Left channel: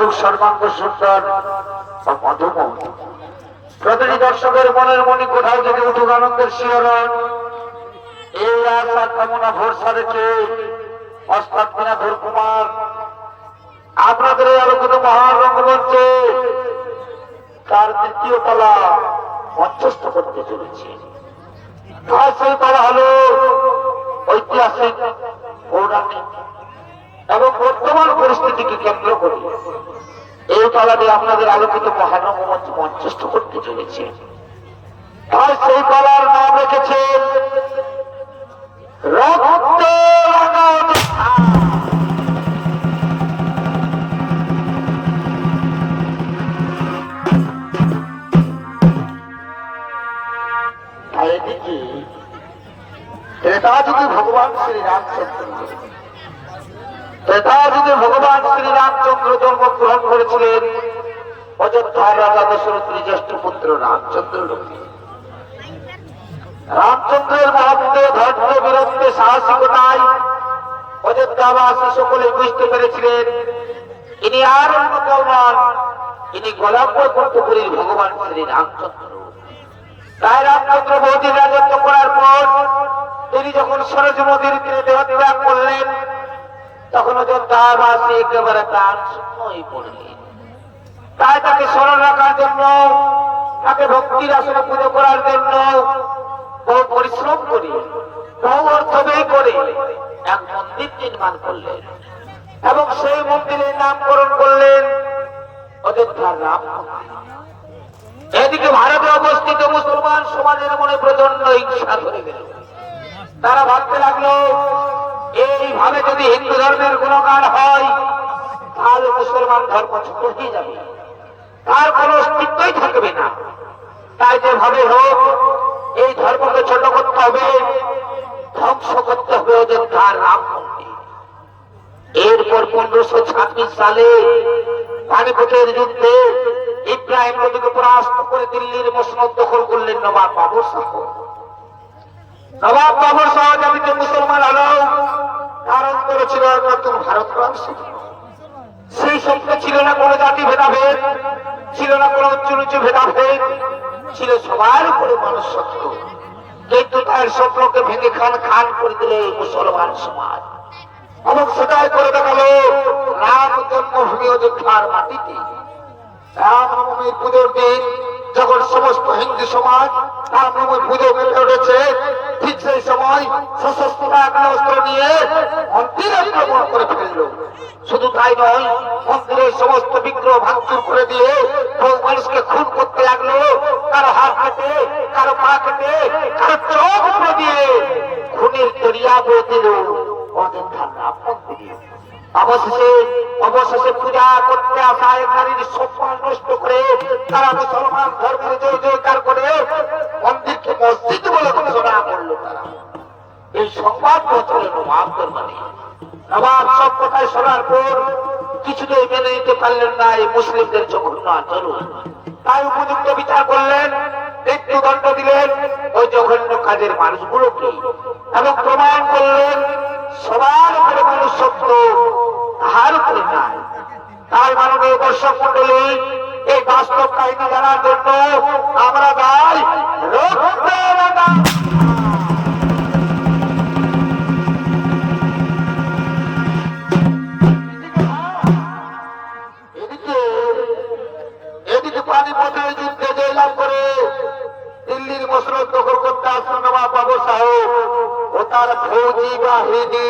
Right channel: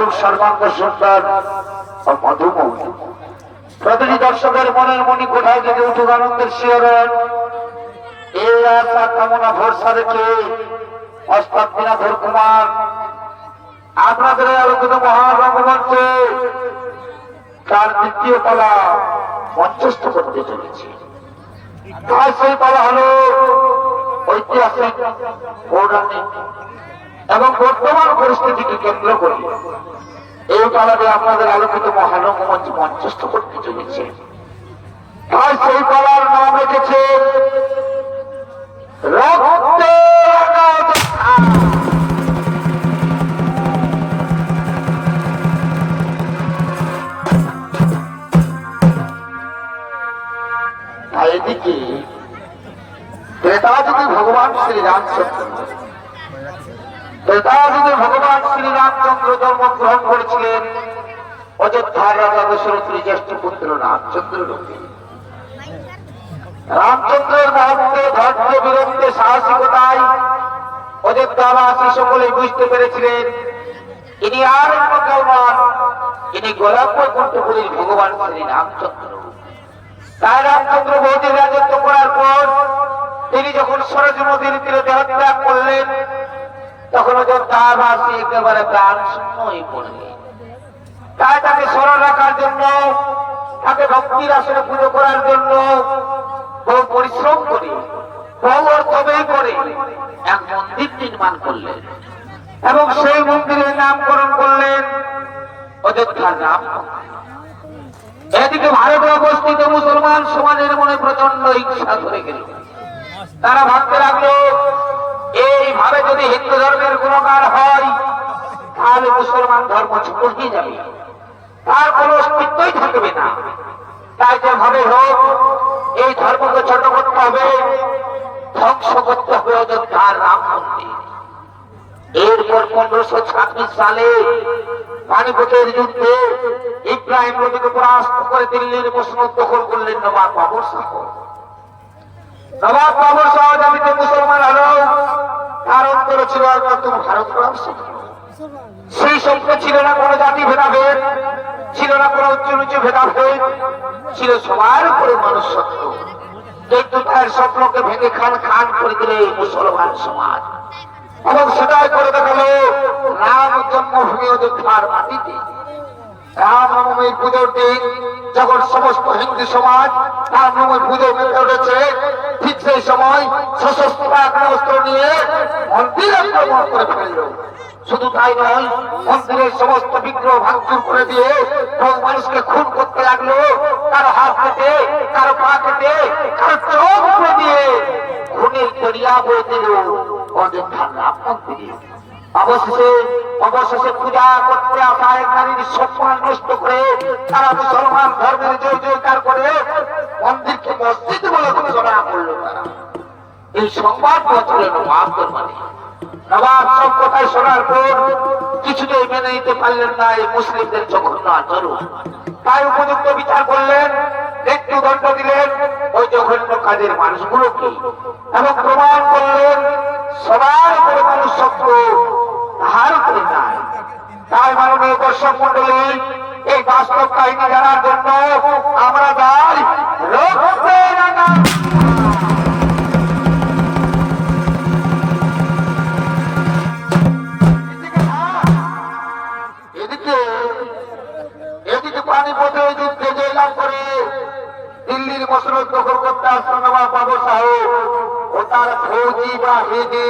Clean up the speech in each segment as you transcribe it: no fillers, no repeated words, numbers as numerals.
কৌতুক সর্বাঙ্গ সুন্দর ও মধুময়। প্রতিটি দর্শকের মনের মনি কোথাও যদি উঠুক আনন্দের শিহরণ। এই আশা কামনা ভরসা রেখে অস্তাদ দিনাধর কুমার আপনাদের আলোকিত মহান রঙ্গমঞ্চে তার দ্বিতীয় পালা মঞ্চস্থ করতে চলেছে। তার সেই পালা হল ঐতিহাসিক, পৌরাণিক এবং বর্তমান পরিস্থিতিকে কেন্দ্র করে এই পালাটি আপনাদের আলোকিত মহান রঙ্গমঞ্চ মঞ্চস্থ করতে চলেছে। তাই সেই পালার নাম রেখেছে রক্তে এদিকে ত্রেতাযুগে ভগবান শ্রীরামচন্দ্র জন্মগ্রহণ করেছিলেন অযোধ্যার রাজা দশরথের জ্যেষ্ঠ পুত্র রামচন্দ্র লোকে। রামচন্দ্রের মহত্বে, ধৈর্য, বীরত্বে, সাহসিকতায় অযোধ্যাবাসী সকলেই বুঝতে পেরেছিলেন ইনি আর অন্য কেউ নন, ইনি গোলকপুরীর ভগবান শ্রী রামচন্দ্র। তাই রামচন্দ্র বহুদিন রাজত্ব করার পর তিনি যখন সরজ নদীর তীরে দেহত্যাগ করলেন, তখন অযোধ্যাবাসী একেবারে প্রাণ শূন্য হয়ে পড়লেন। তাই তাকে স্মরণ রাখার জন্য, তাকে ভক্তির আসনে পুজো করার জন্য বহু পরিশ্রম করে, বহু অর্থ ব্যয় করে এক মন্দির নির্মাণ করলেন এবং সেই মন্দিরের নামকরণ করলেন অযোধ্যার রাম মন্দির। এদিকে ভারতে অবস্থিত মুসলমান সমাজের মনে প্রচন্ড ইচ্ছা ধরে গেল। তারা ভাবতে লাগলো এইভাবে যদি হিন্দু ধর্মের গুণগান হয় তাহলে মুসলমান ধর্ম ছোট হয়ে যাবে, তার কোন অস্তিত্বই থাকবে না। তাই যেভাবে হোক এই ধর্মকে ছোট করতে হবে, ধ্বংস করতে হবে অযোধ্যার রাম মন্দির। এরপর 1526 সালে পানিপথের যুদ্ধে ইব্রাহিম লোদীকে পরাস্ত করে দিল্লির মসনদ দখল করলেন নবাব বাবর শাহ। নবাব বাবর শাহ জাতিতে মুসলমান হল, তার অন্তরে ছিল নতুন ভারত গড়ার স্বপ্ন। সেই স্বপ্নে ছিল না কোনো জাতি ভেদাভেদ, ছিল না কোনো উচ্চ নিচু ভেদাভেদ, ছিল সবার উপরে মানুষ সত্য। কিন্তু তার স্বপ্নকে ভেঙে খান খান করে দিল এই মুসলমান সমাজ এবং সেটাই করে দেখালো রাম জন্মভূমি অযোধ্যার মাটিতে। রামনবমীর পুজোর দিন যখন সমস্ত হিন্দু সমাজ রামনবমীর পুজো মেতে উঠেছে, ঠিক সেই সময় সশস্ত্র আগ্নেয়াস্ত্র নিয়ে মন্দির আক্রমণ করে ফেলল। শুধু তাই নয়, মন্দিরের সমস্ত বিগ্রহ ভাঙচুর করে দিয়ে বহু মানুষকে খুন করতে লাগলো। কারো হাত কেটে, কারো পা কেটে, কারো চোখ উপড়ে দিয়ে খুনের দরিয়া বয়ে দিল অযোধ্যার রাম মন্দিরে। অবশেষে পূজা করতে আসা এক নারীর সম্মান নষ্ট করে তারা মুসলমান ধর্মের জয় জয়কার করে মন্দিরকে মসজিদ বলে ঘোষণা করলো। তারা এই সংবাদ পৌঁছল নবাব দরবারে। নবাব সব কথায় শোনার পর কিছুতেই মেনে নিতে পারলেন না এই মুসলিমদের জঘন্য আচরণ। তাই উপযুক্ত বিচার করলেন, মৃত্যুদণ্ড দিলেন ওই জঘন্য কাজের মানুষগুলোকে এবং প্রমাণ করলেন সবার উপরে মানুষ সত্য, তাহার উপরে না। তার মাননীয় দর্শক মন্ডলী, এই বাস্তব কাহিনী জানার জন্য আমরা যাই এদিকে পানিপথে যুদ্ধে জয়লাভ করে দিল্লির মসনদ দখল করতে আসছেন নবাব বাবর শাহ ও তার ফৌজি বাহিনী।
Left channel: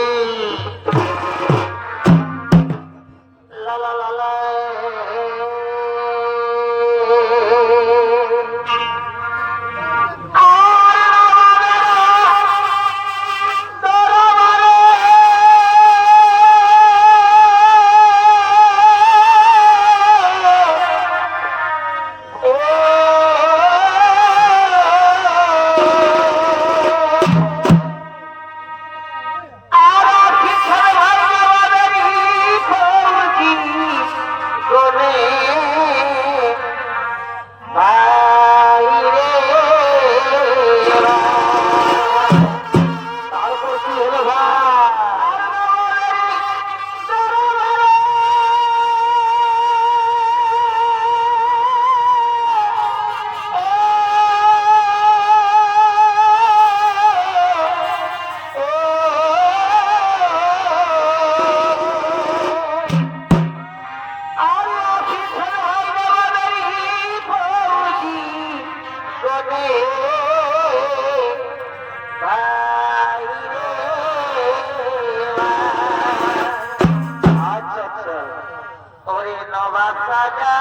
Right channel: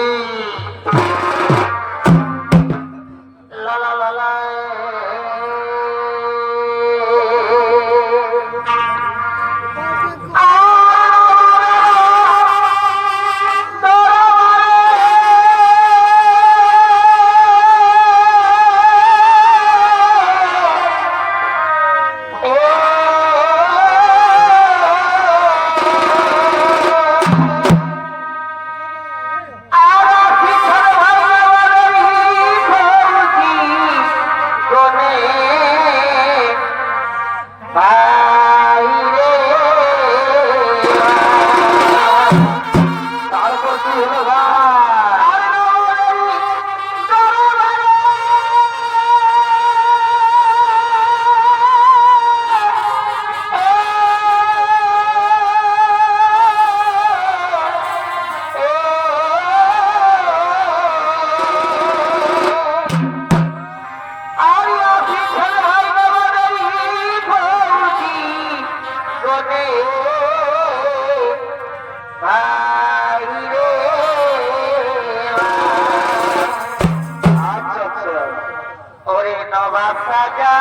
নবাব রাজা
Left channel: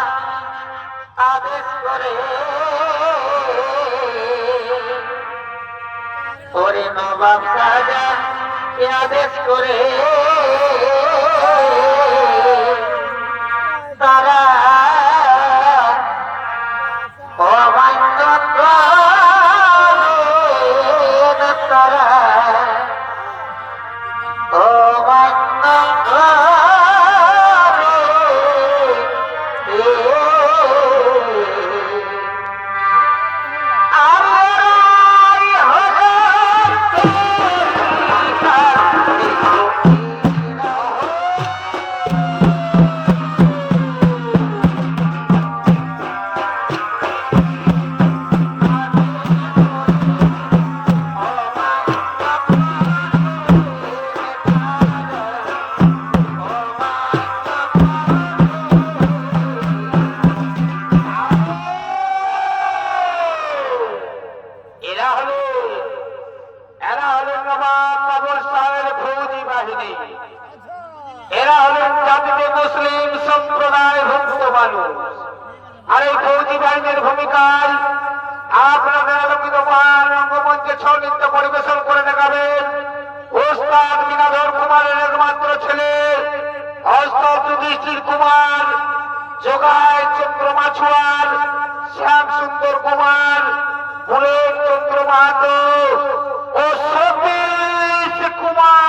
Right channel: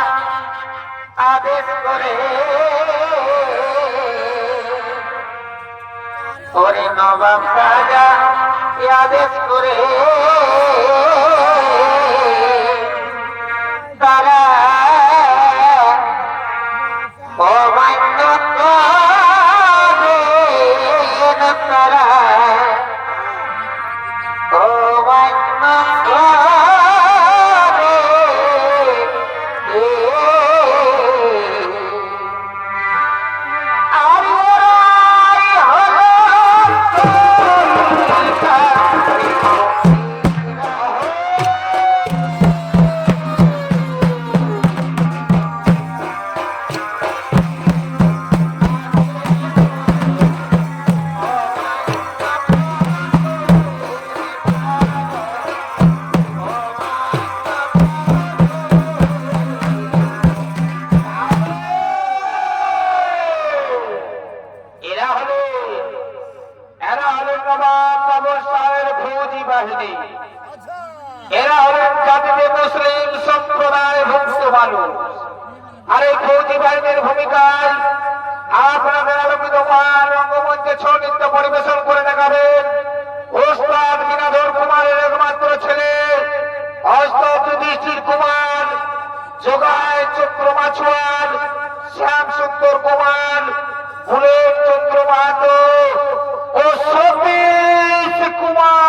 আদেশ করে, ওরে নবাব রাজা আদেশ করে তারা অমান্য করে, তারা অমান্য করে। এরা হলেন জাতিতে মুসলিম সম্প্রদায় ভুক্ত মানুষ। আর এই ফৌজি বাহিনীর ভূমিকায় আপনাদের আলোকিত মান রঙ্গমঞ্চে ছৌ নৃত্য পরিবেশন করে দেখাবেন ওস্তাদ বিনাধর কুমারের একমাত্র ছেলে অস্তাদ যুধিষ্ঠির কুমার, যোগায় চন্দ্র মাছুয়ার, শ্যাম সুন্দর কুমার, বুলেট চন্দ্র মাহাতো ও সতীশ কুমার।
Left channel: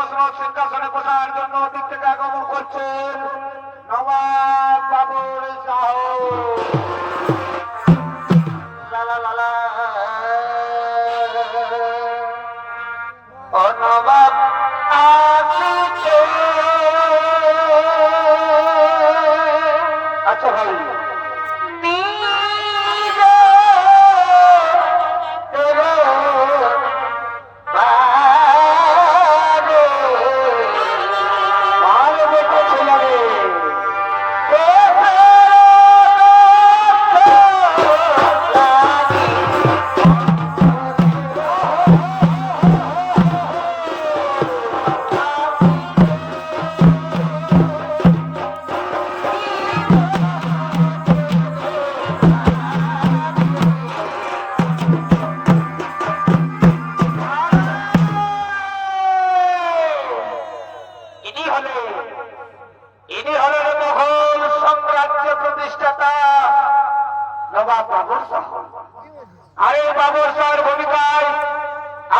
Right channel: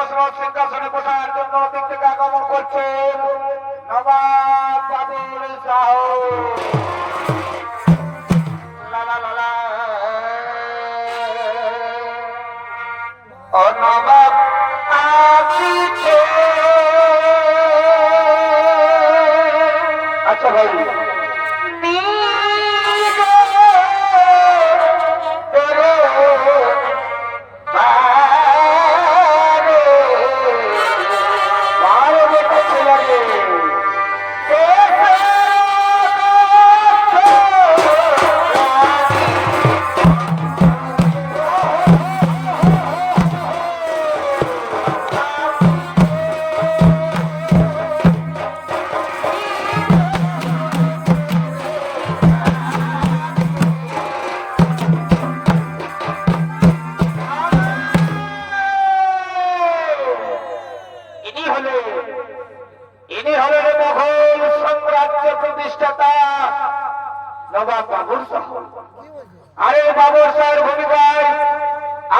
মসনদ সিংহাসনে বসার জন্য দিক থেকে আগমন করছেন নবাব বাবুল শাহ। লা লা লা লা। ও নবাব আসিছে। আচ্ছা ভাই ইনি হলেন মোগল সাম্রাজ্য প্রতিষ্ঠাতা নবাব বাবুল শাহ। আর এই বাবুল শাহের ভূমিকায়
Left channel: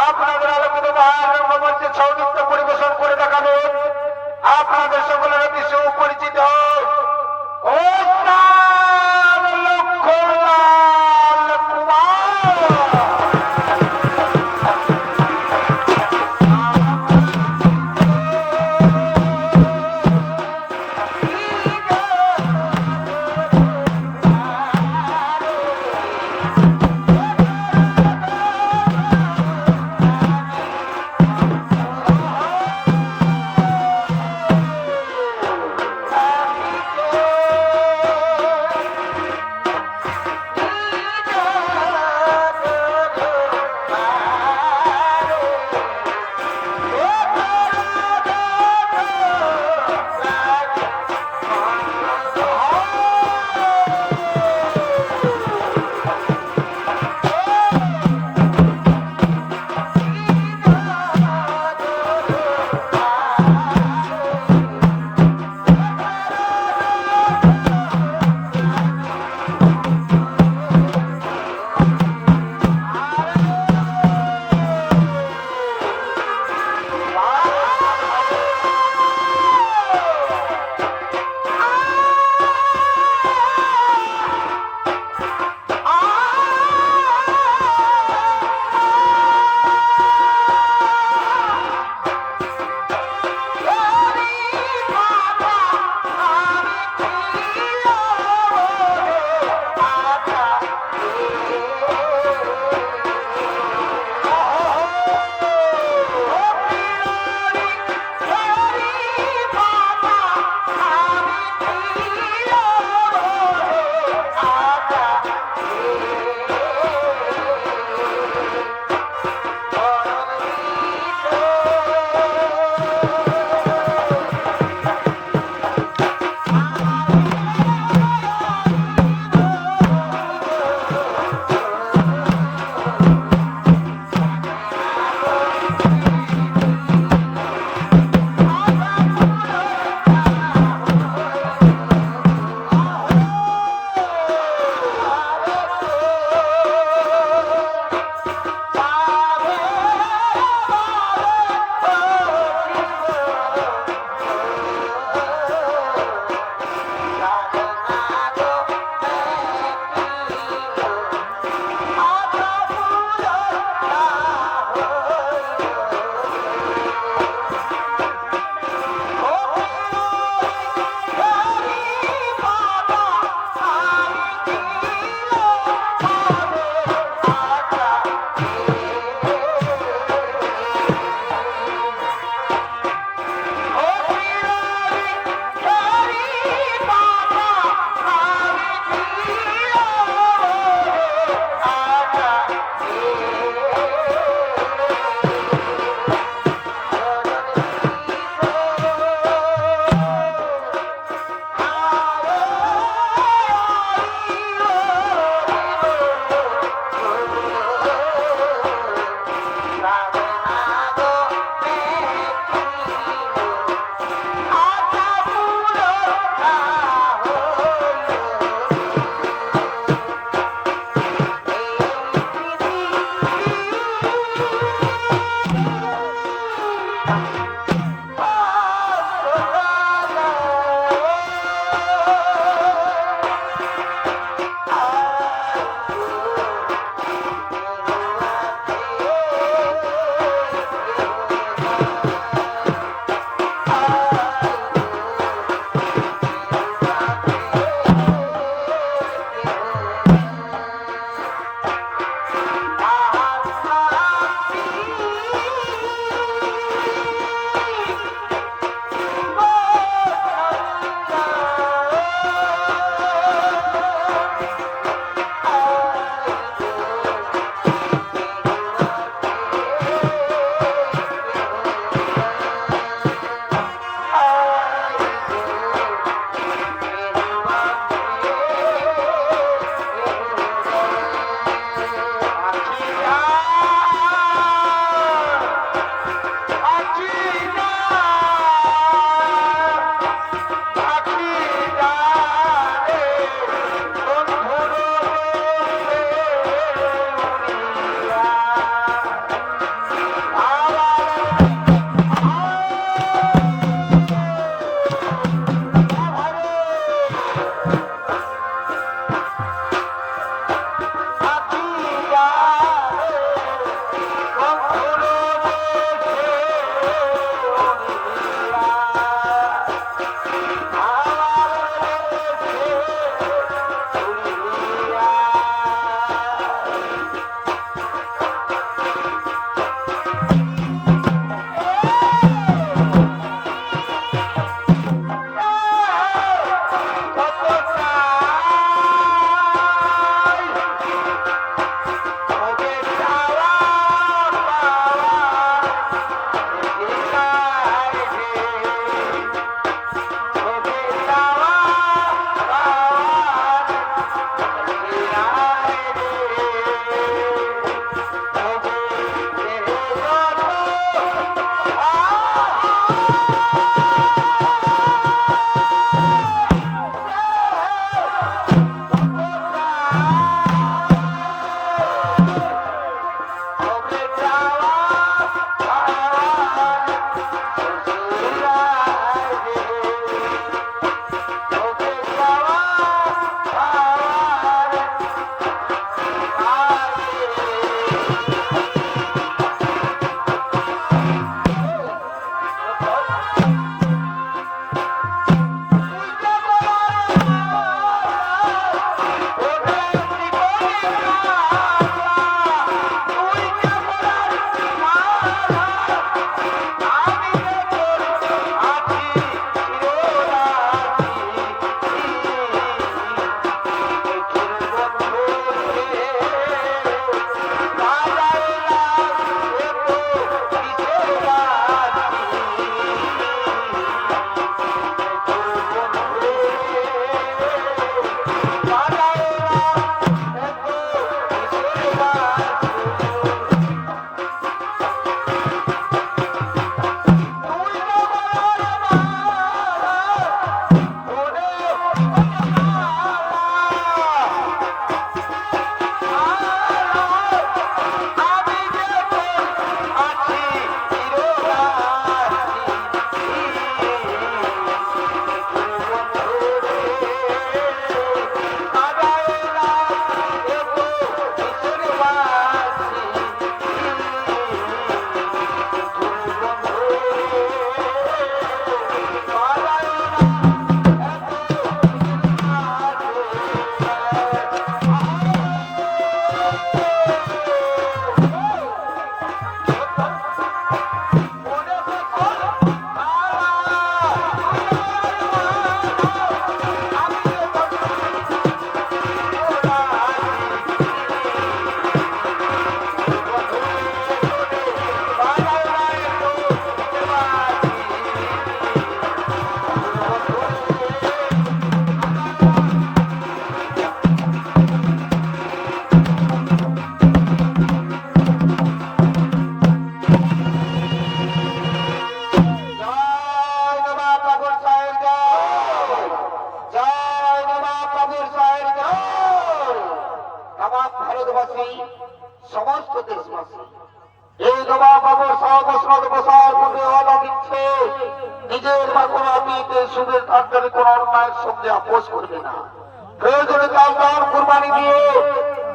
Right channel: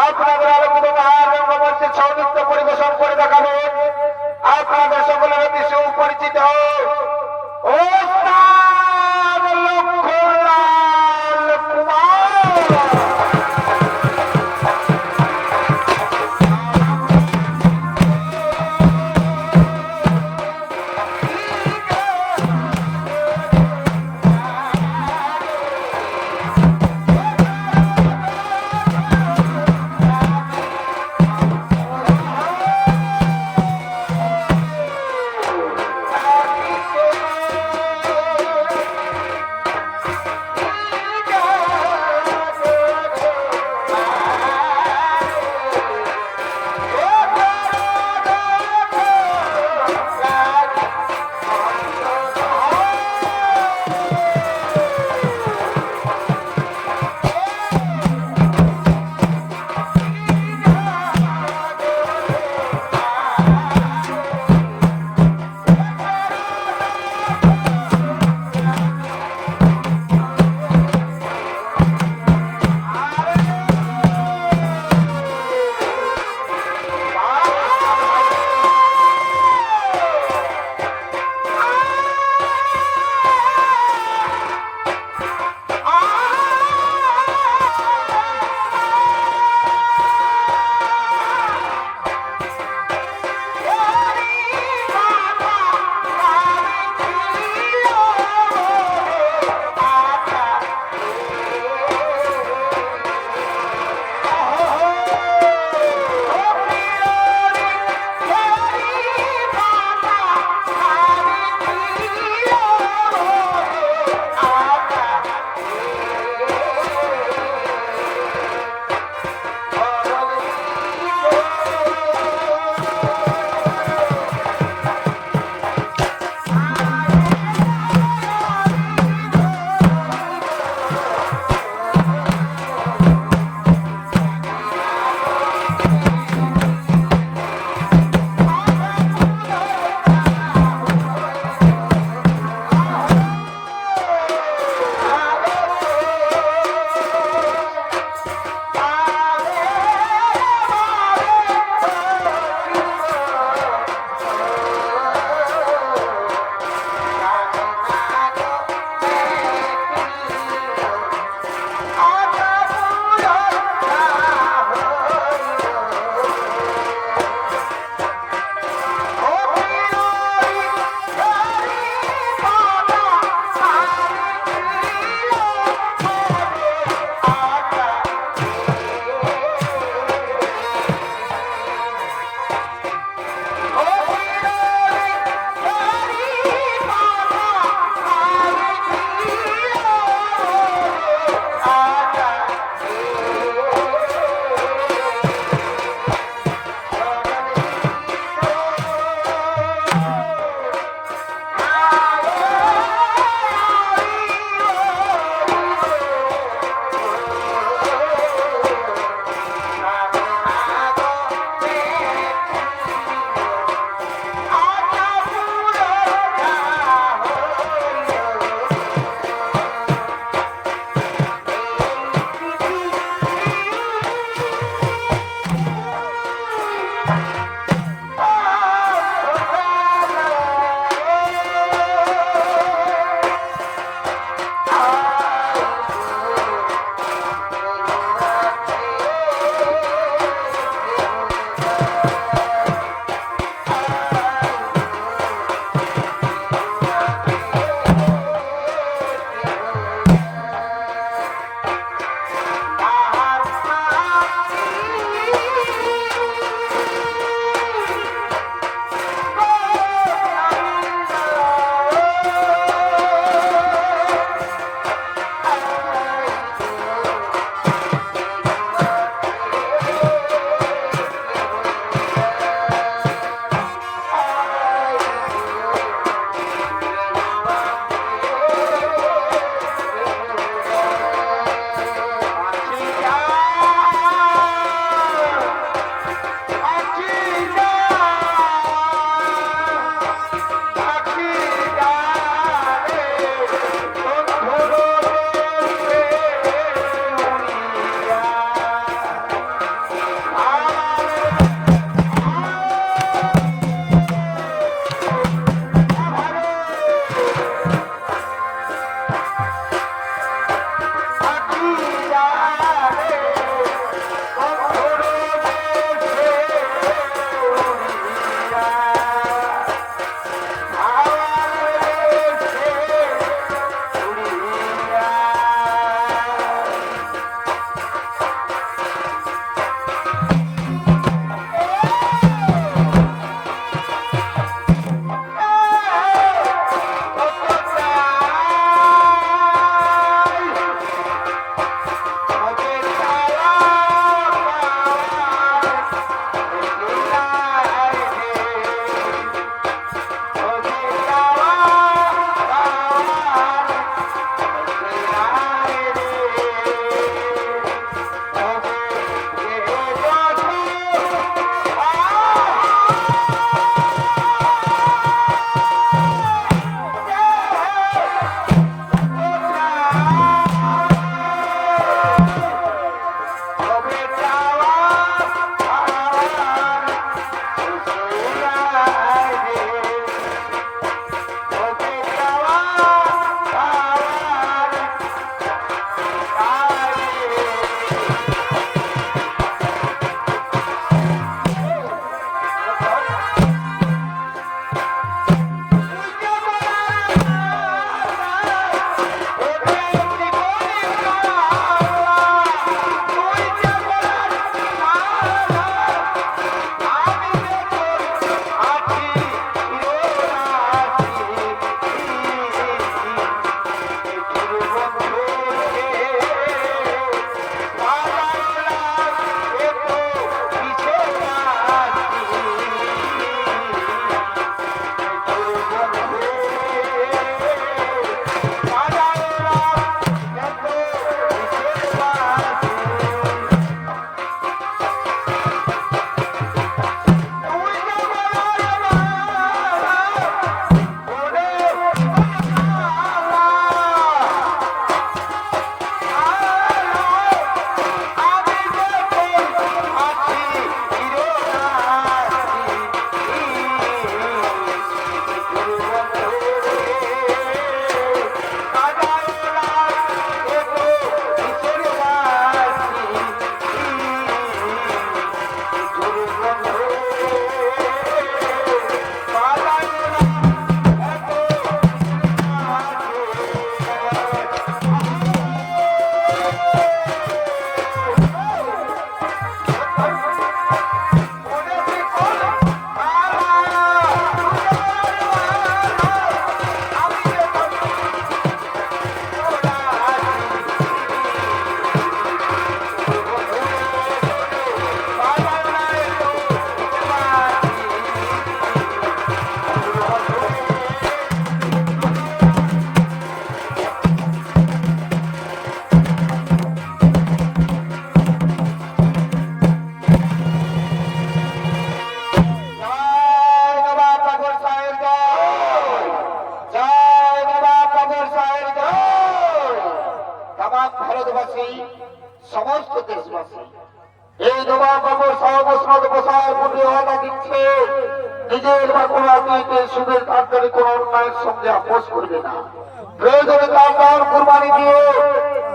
আপনাদের আলোকিত মহারঙ্গমঞ্চে ছৌ নৃত্য পরিবেশন করে দেখাবেন আপনাদের সকলের অতি সুপরিচিত ওস্তাদ লক্ষ্মণলাল কুমার। মসনদ বসার প্রতিবাদা দিচ্ছে নিজের বা কোনো অতীতে সুদের কান্তরে কোন অন্যায়ের সঙ্গে আপোষ করবে না। প্রয়োজনে তার নাম কুরবানি দিয়ে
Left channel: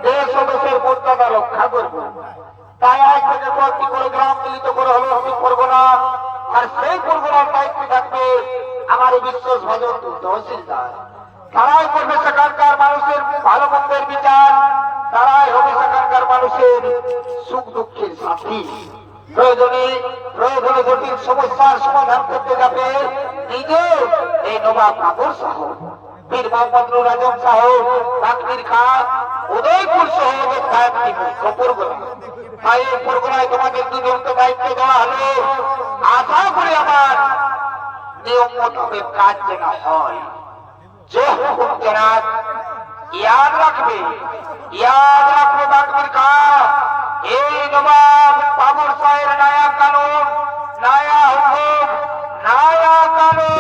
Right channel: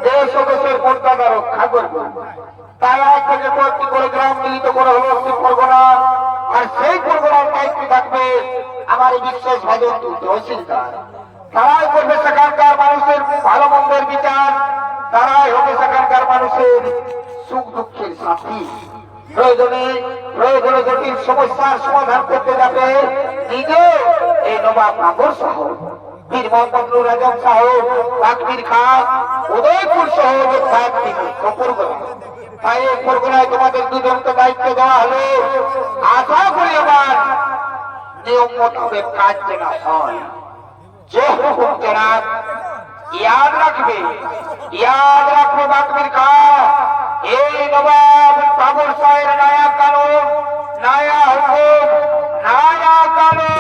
দেশ ও দেশের মর্যাদা রক্ষা করবে। তাই আজ থেকে কয়েকটি করে গ্রাম মিলিত করা হলো একটি পরগনা, আর সেই পরগনার দায়িত্ব থাকবে আমার বিশ্বাস ভাজন তহসিলদার। তারাই করবে সেখানকার মানুষের ভালো মন্দের বিচার, তারাই হবে সেখানকার মানুষের সুখ দুঃখের সাথী। প্রয়োজনে জটিল সমস্যার সমাধান করতে যাবে নিজে এই নবাব বাবর সহ বীর মোহাম্মদ নুর আজম সাহেব, বাকবির খান, উদয়পুর সহ পরগনা। তাই এই পরগনায় তোমাদের দুজনকে দায়িত্ব দেওয়া হলো। আশা করি আমার নিয়ম মোতাবেক কাজ যেন হয়। যে হুকুম জনাব ইয়াদ রাখবে বাকবির খান। এই নবাব বাবর সাহেবের নয়া কানুন, নয়া হুকুম, নয়া কানুন।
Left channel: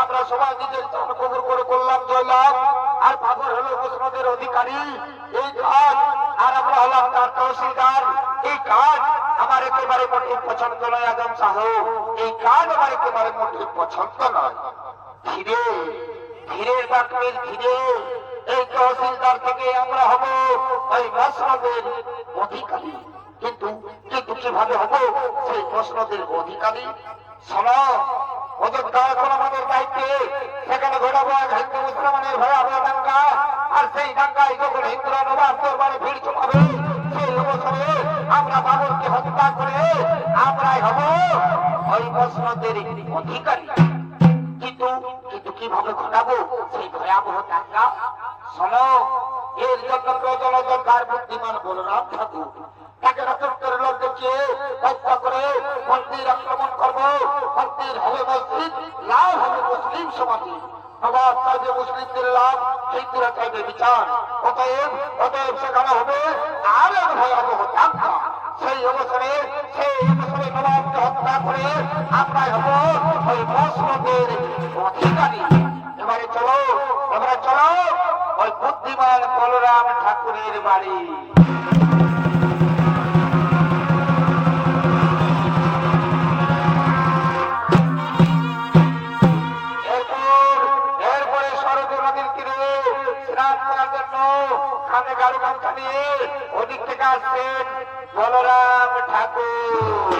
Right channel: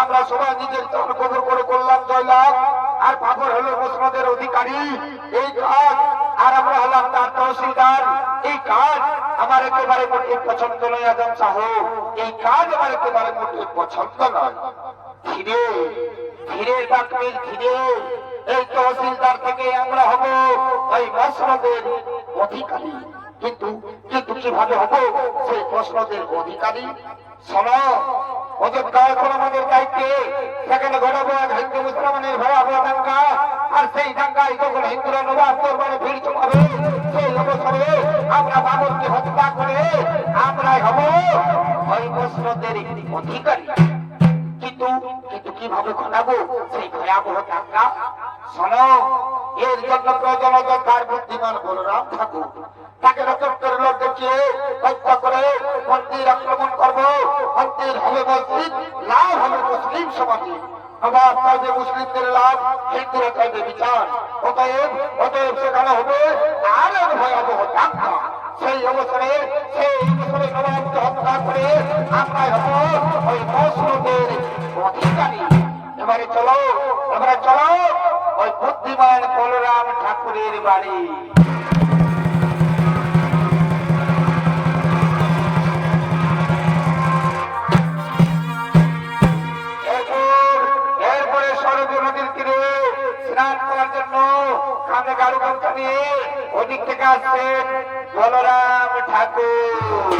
আমরা সবাই নিজের কবর করে করলাম জয়লাভ, আর বাবর হলো মুসলমানদের অধিকারী। এই কাজ আর আমরা হলাম তার তহসিলদার। এই কাজ আমার একেবারে মোটে পছন্দ নয় আজম সাহেব, এই কাজ আমার একেবারে মোটে পছন্দ নয়। ধীরে ধীরে ডাকবে, ধীরে এই তহসিলদার থেকে আমরা হব ওই মসনদের অধিকারী। কিন্তু কিন্তু কিভাবে হব সেই মসনদের অধিকারী? শোনো, অযোধ্যা এখন আমাদের দায়িত্বে, সেখানে ঘটাবো হিন্দু মুসলমানের ভয়াবহ দাঙ্গা। আর সেই দাঙ্গায় যখন হিন্দুরা নবাব দরবারে ভিড় জমাবে, সেই অবসরে আমরা বাবরকে হত্যা করে আমরাই হব ওই মসনদের অধিকারী। কিন্তু কিন্তু কিভাবে ঘটাবো সেই ভয়াবহ দাঙ্গা? শোনো, এর জন্য প্রয়োজন অযোধ্যার বুদ্ধিমান বলরাম ঠাকুর। তাকে রক্তের লোক দেখিয়ে হত্যা করে মন্দির আক্রমণ করবো। মন্দির হবে মসজিদ, লাভ হবে মুসলিম সমাজে। নবাব চাইবে মুসলিমদের লাভ, হিন্দুরা চাইবে বিচার। অতএব সেখানে হবে আরেক ভয়াবহ দাঙ্গা। সেই অবসরে নবাবকে হত্যা করে আমরাই হব ওই মসনদের অধিকারী। এবারে চলো ওই বুদ্ধিমান বলরাম ঠাকুরের বাড়ি। এরপরে সরজু নদীর তীরে স্নান করার জন্য কাঁধে গাড়ু নৌকা নিয়ে ওদিক থেকে আসছেন বলরাম ঠাকুর।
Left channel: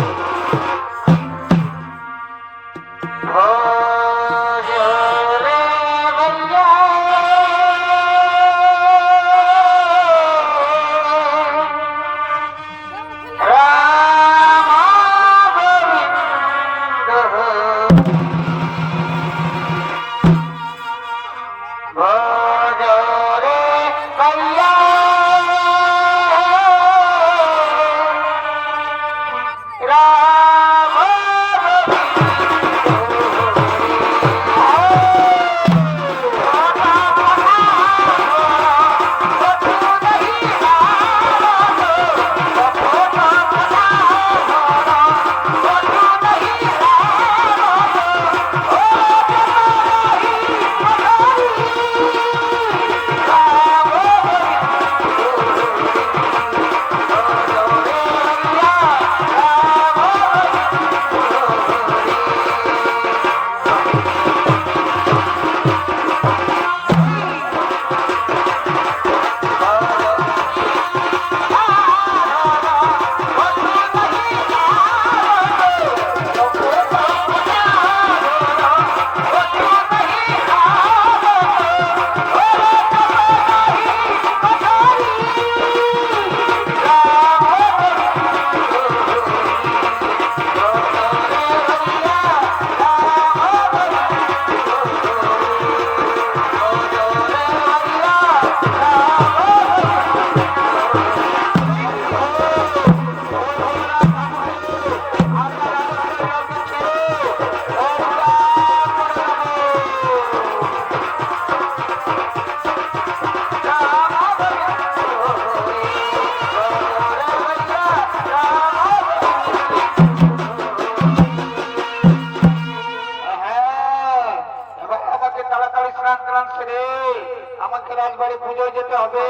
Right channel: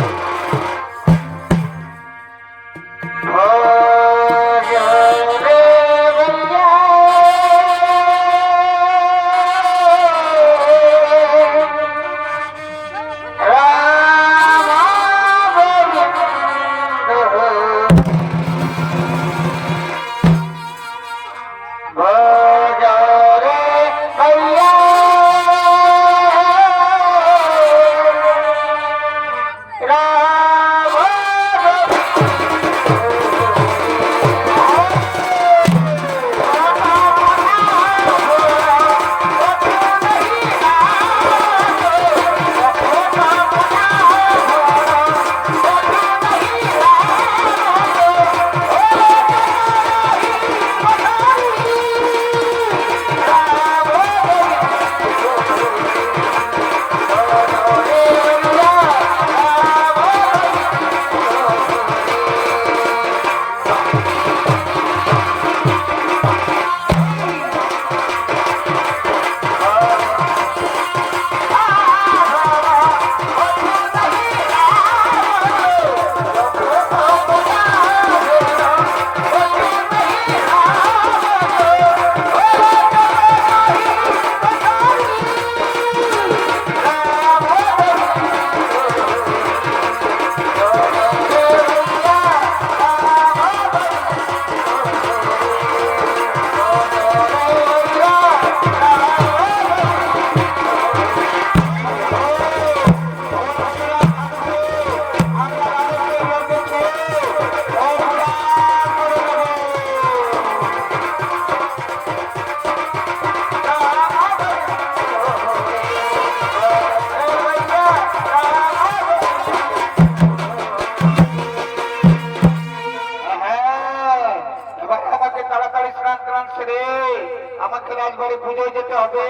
আমাকে রাজবাড়ি পুজোয় যেতে হবে,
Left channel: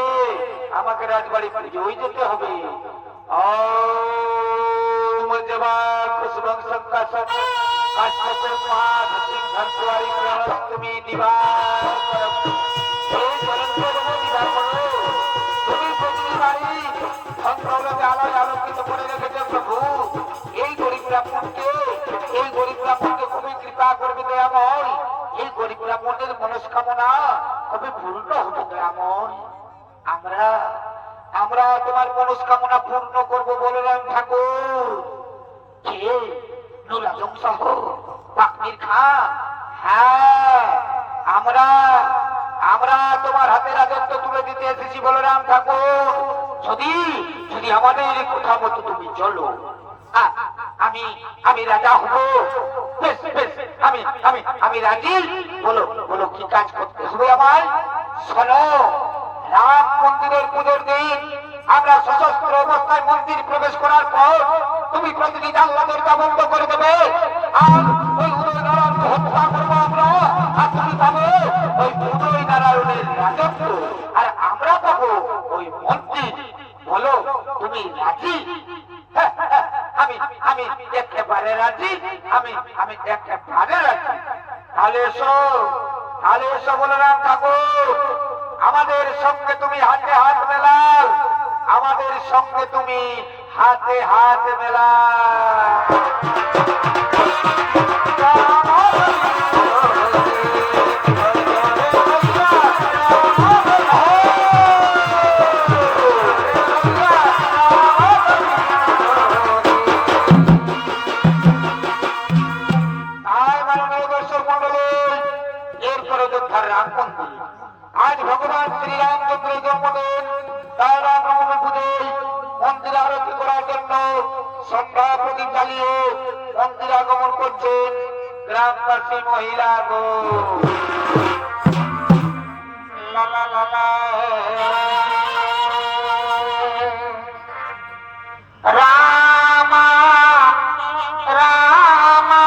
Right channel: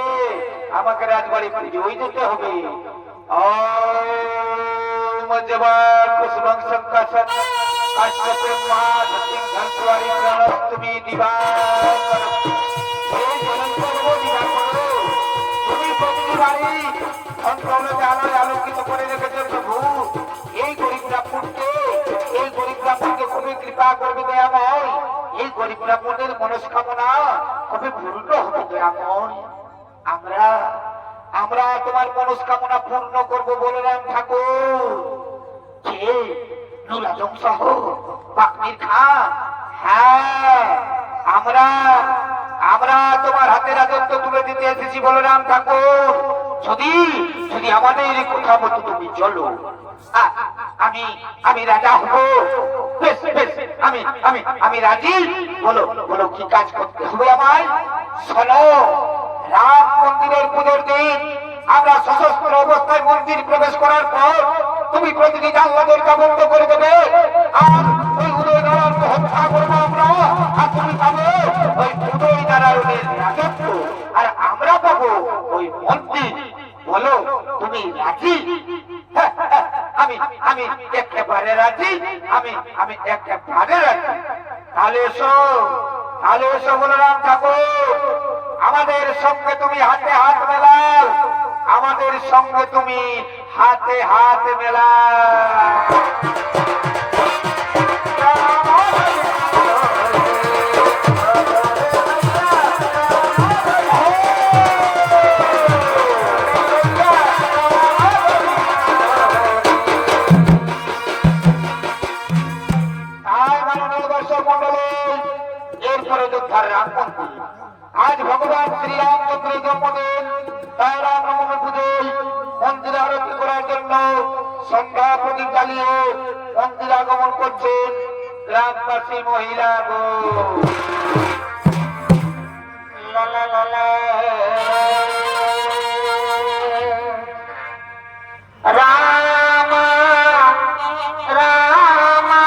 আমাকে রাজবাড়ি পুজোয় যেতে হবে। তুমি দিবা তুমি প্রতিবারই আমায় আলোকিত করে রেখেছে প্রভু। এই গরিব ব্রাহ্মণকে, এই গরিব ব্রাহ্মণকে খুবই কৃপা করবে দয়াময়। এই গরিব ব্রাহ্মণের মনস্কামনা কবে পূর্ণ হবে দয়াময়। আমরা আমরা তোমার মনস্কামনা পূর্ণ করবো বলরাম ঠাকুর। কে? নুরাজং সহ পাকনির খা। হ্যাঁ, আমরা আমরা তোমার হাতে রাজত্ব তুলে দিতে এসেছি বলরাম ঠাকুর। যদি যদি আমাদের কথা মতো তুমি চলো, আমি আমি রাজা হব। বেশ বেশ, আমি আমি আমি রাজি। বলো বলো কি কাজ করতে হবে আমার? শোনো, রাম মন্দিরের পুজোর দিন আমরা সশস্ত্র অবস্থায় মন্দির প্রবেশ করার পর তুমি প্রতিটি জানলা দরজা বন্ধ করে দেবে। আর ওই উদয় নারায়ণকে হত্যা করবো আমরা। আর তুমি পাবে ওই উদয় নারায়ণের রাজত্ব, আর আমরা পাবো ওই মন্দির। বলো তুমি রাজি? আমি আমি একেবারে রাজি, আমি আমি একেবারে রাজি। তাহলে এসো, তাহলে এসো বলরাম ঠাকুর, আমাদের সঙ্গে তুমি হাতে হাত মেলাও, আমাদের সঙ্গে তুমি হাতে হাত মেলাও। আজ ভগবান শ্রীরামচন্দ্রের জন্মদিন, তার রামনবমী পুজোয় মন্দির আরতি করার জন্য সন্ধ্যা প্রদীপ জ্বালিয়ে মন্দির আগমন করছেন গ্রামবাসী মহিলা। রামা রামা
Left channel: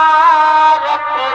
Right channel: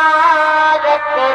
রতে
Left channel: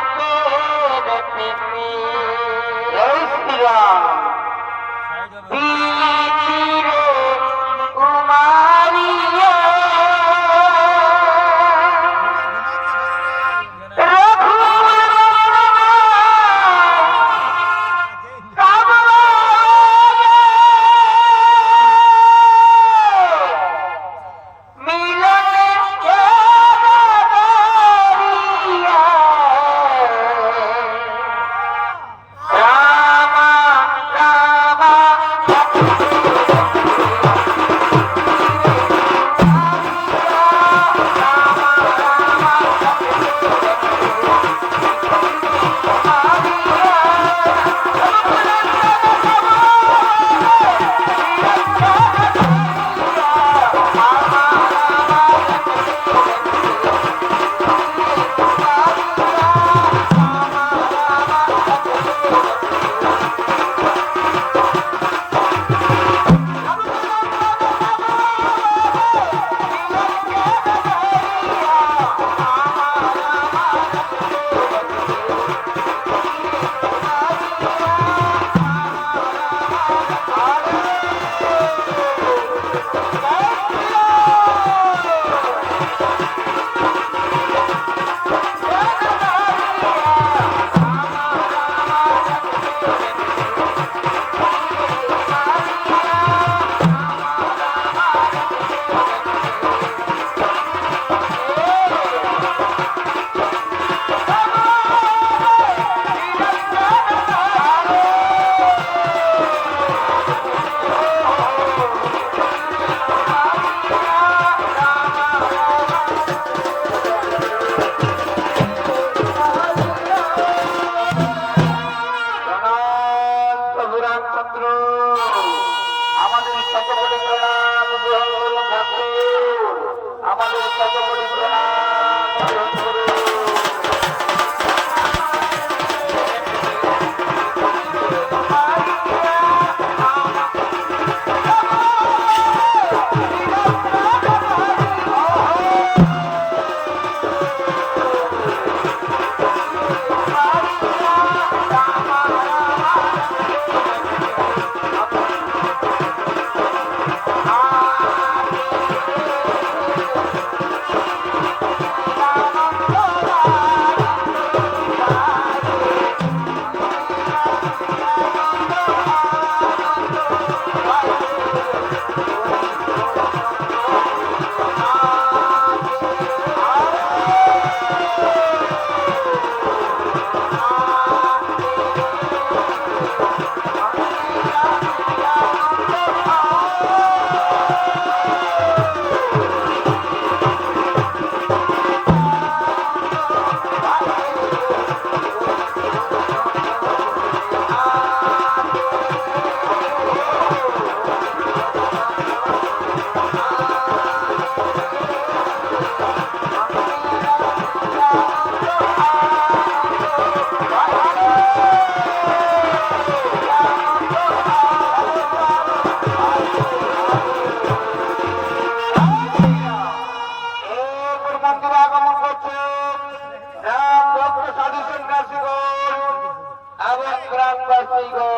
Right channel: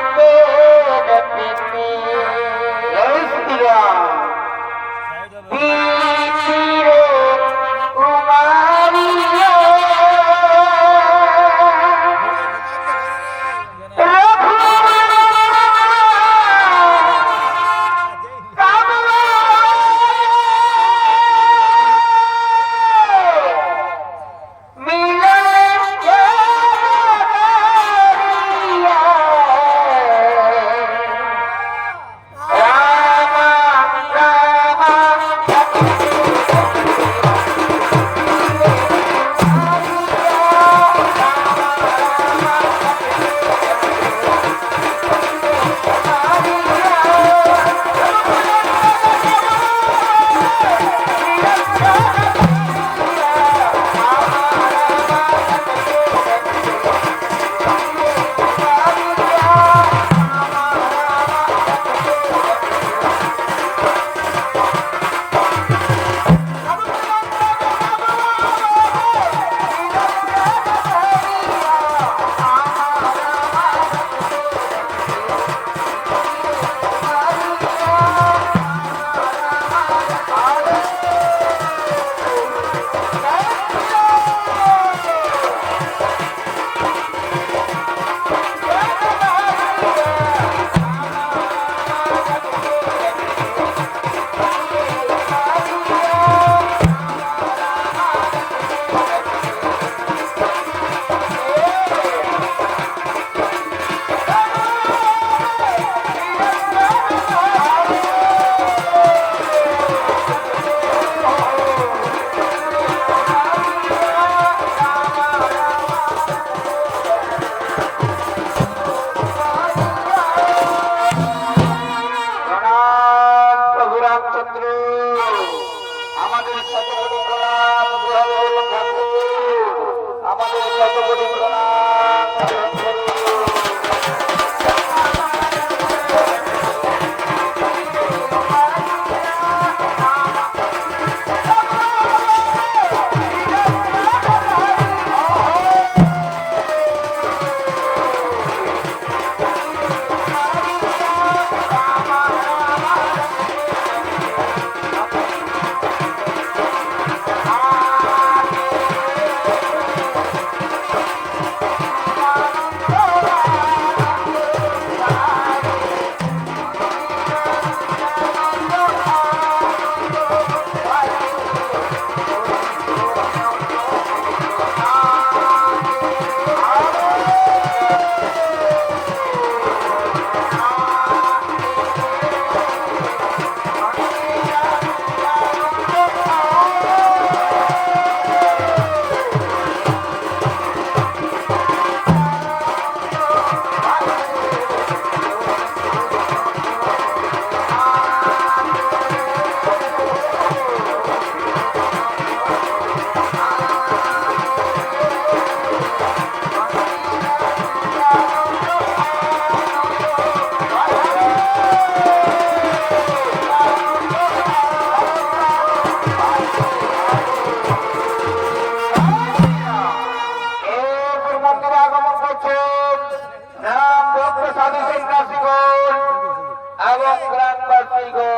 গ্রামবাসী গো,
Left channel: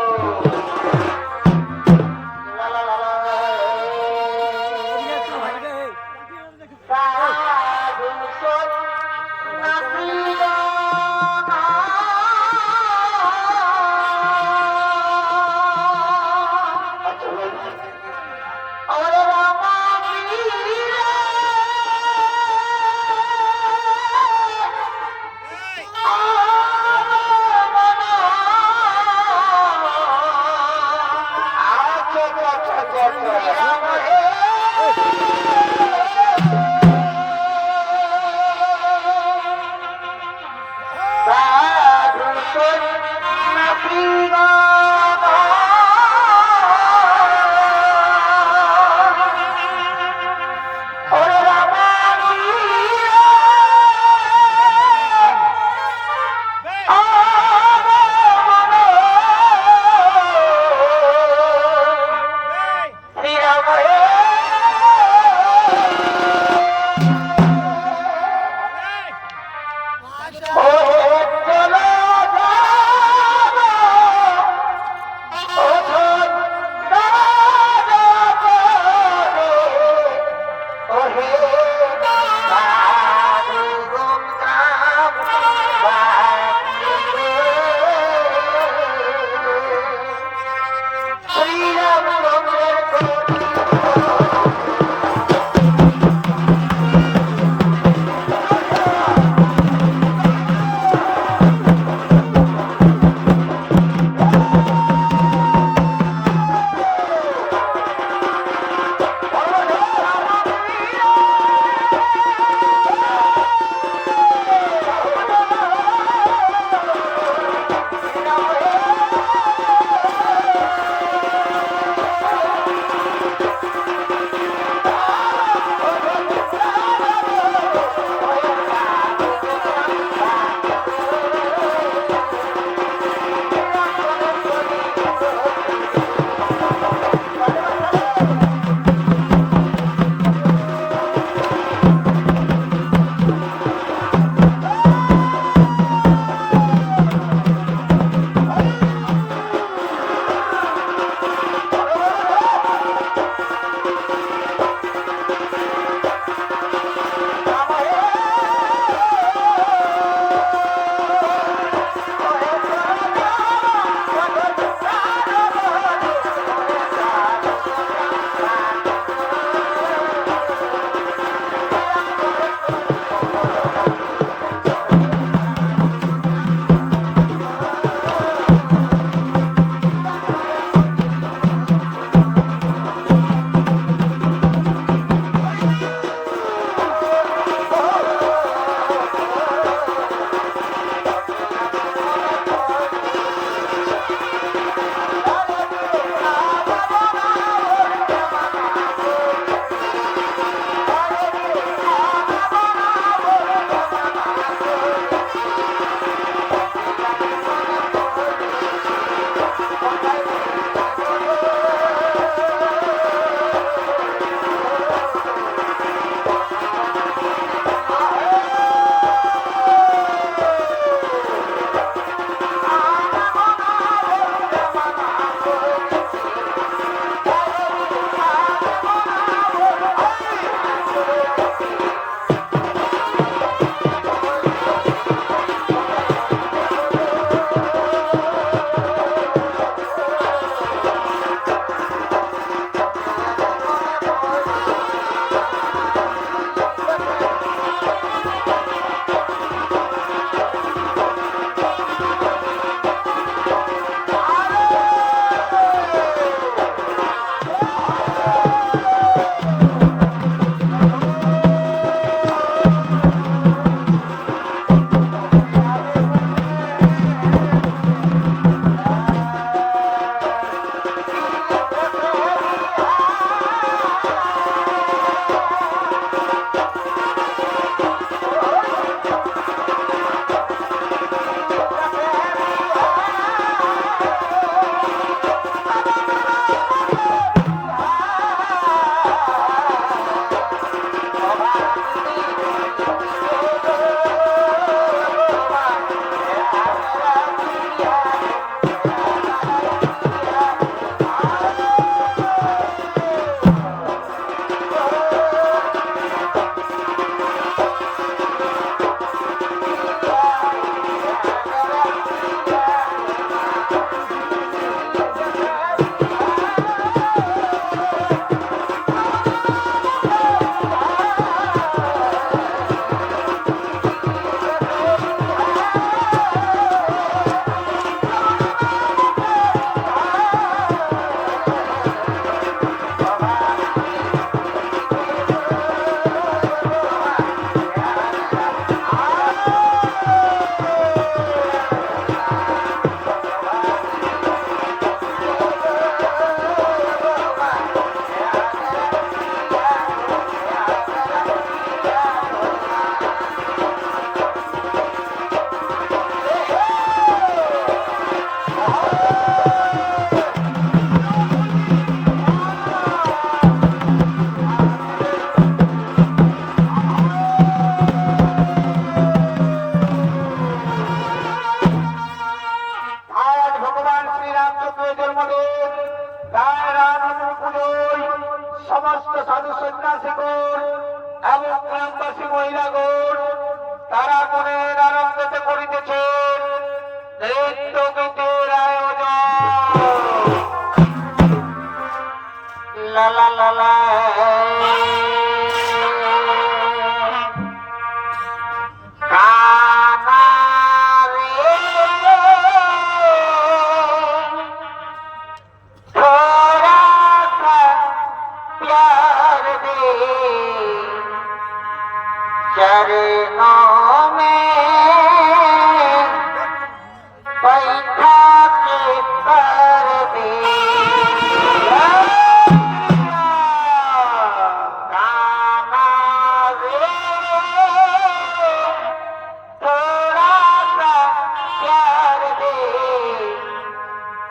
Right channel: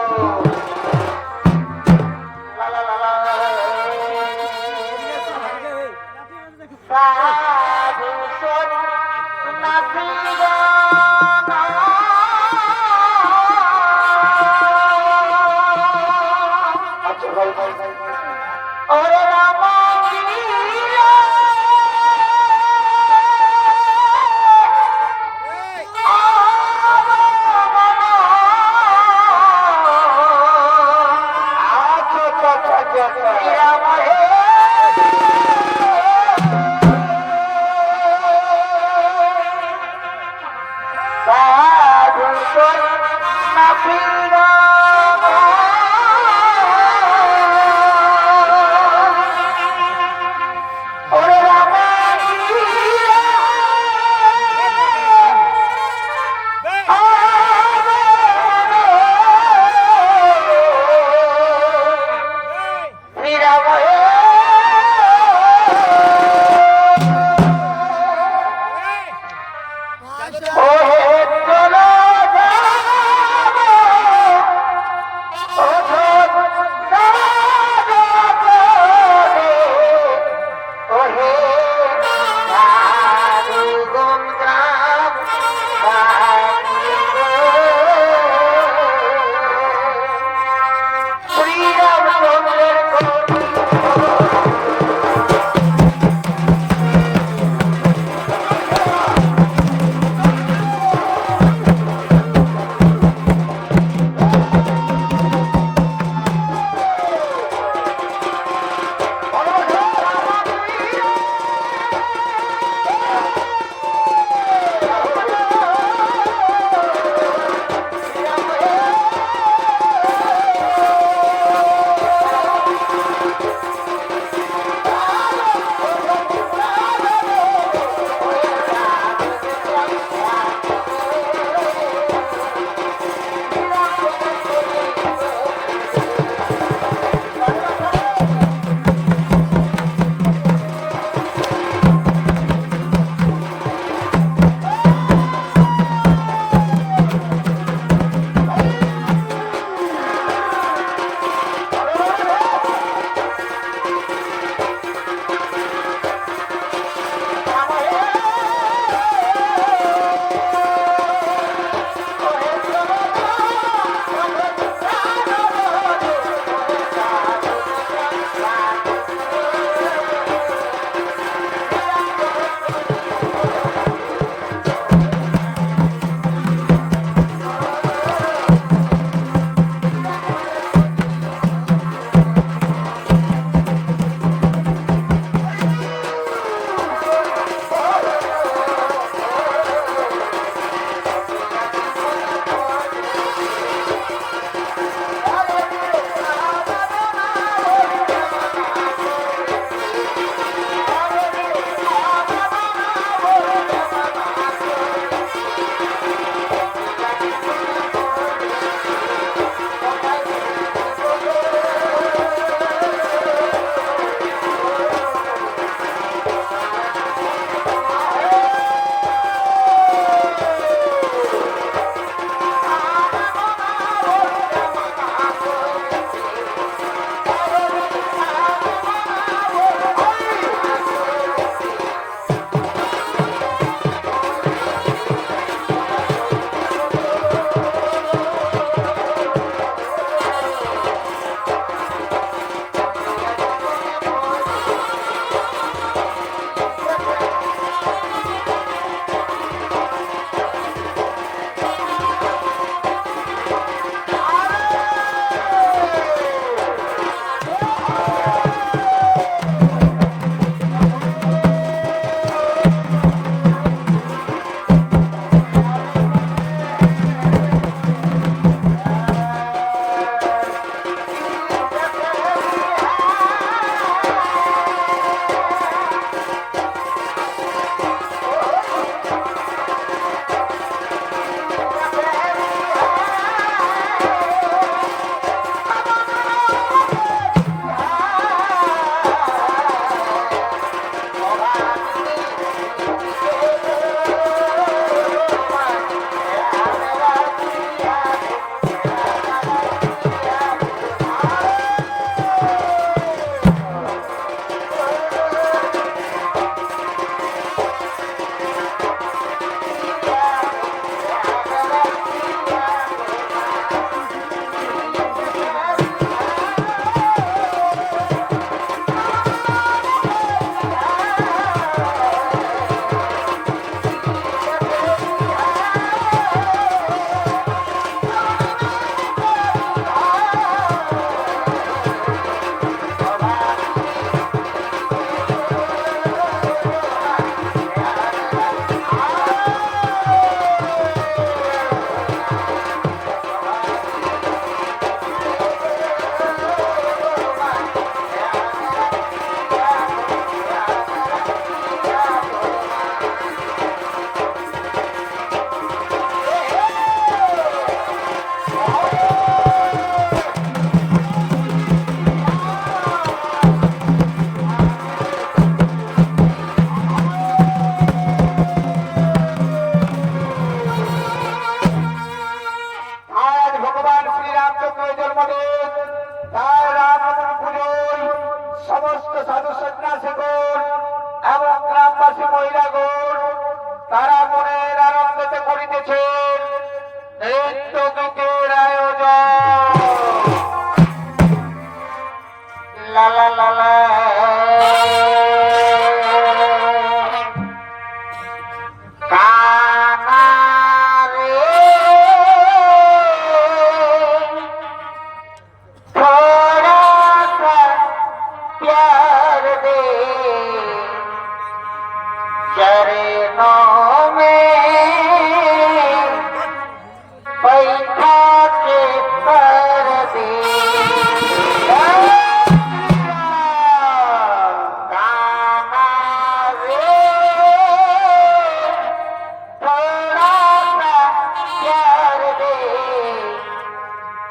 সাধু সন্ন্যাসী আচ্ছা ভাই ওরে রাম সাধু সন্ন্যাসী ওরে রাম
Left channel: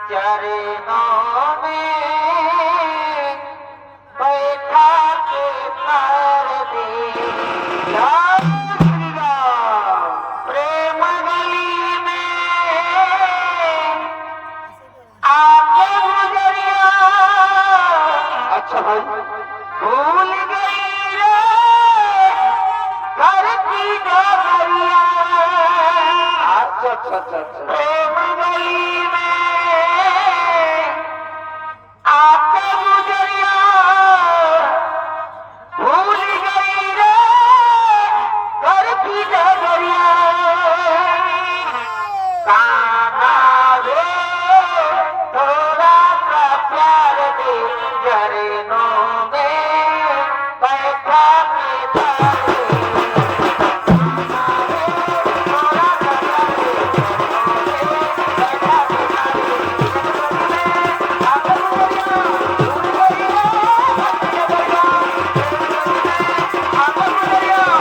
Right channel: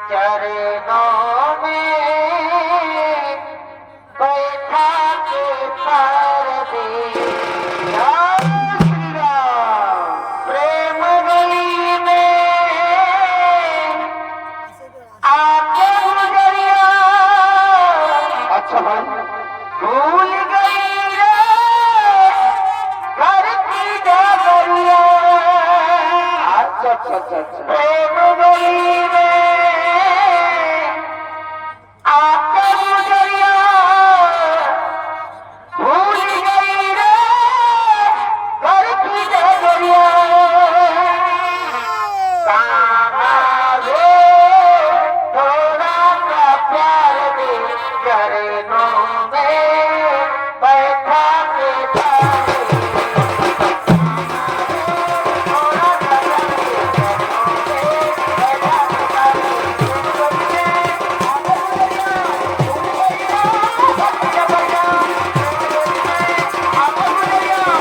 चरणों में बैठा के कर दिया प्रेम गली में आके गुजरिया। अच्छा भाई भूल गई रे घर की डगरिया। अच्छा अच्छा अच्छा अच्छा प्रेम गली में आके गुजरिया भूल गई रे घर की डगरिया। काना ले थोड़ा सा प्यार दे चरणों में बैठा के कर दिया। थोड़ा सा प्यार दे चरणों में बैठा के कर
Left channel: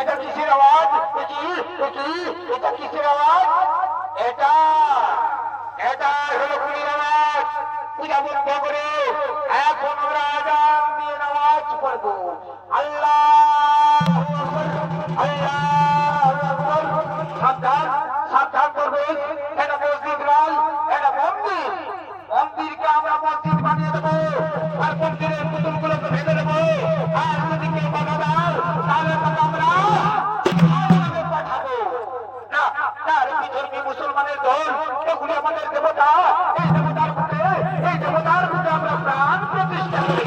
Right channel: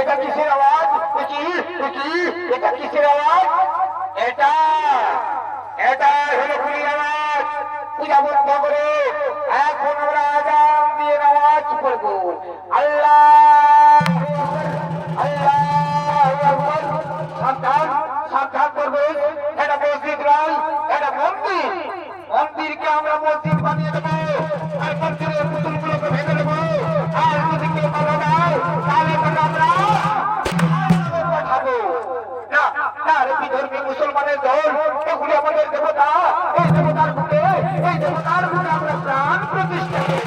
এটা কিসের আওয়াজ? এটা কিসের আওয়াজ? এটা এটা হলো খুলির আওয়াজ। পূজা বন্ধ করে এখন আমরা আজান দিয়ে নামাজ পড়বো। আল্লাহ আল্লাহ সাবধান সাবধান করবে। এটা মসজিদ নয়, এটা মন্দির। মন্দিরকে আমরা মসজিদ বানিয়ে দেবো আর মন্দিরের পুতুলগুলোকে ভেঙে দেবো। আর যদি কেউ বাধা দেয় তাহলে আমরা বিধর্মী মুসলমানের দল, এগুলি আমাদের দেবতা। এই দেবতার বুকে আমরা প্রাণ প্রতিষ্ঠা করি।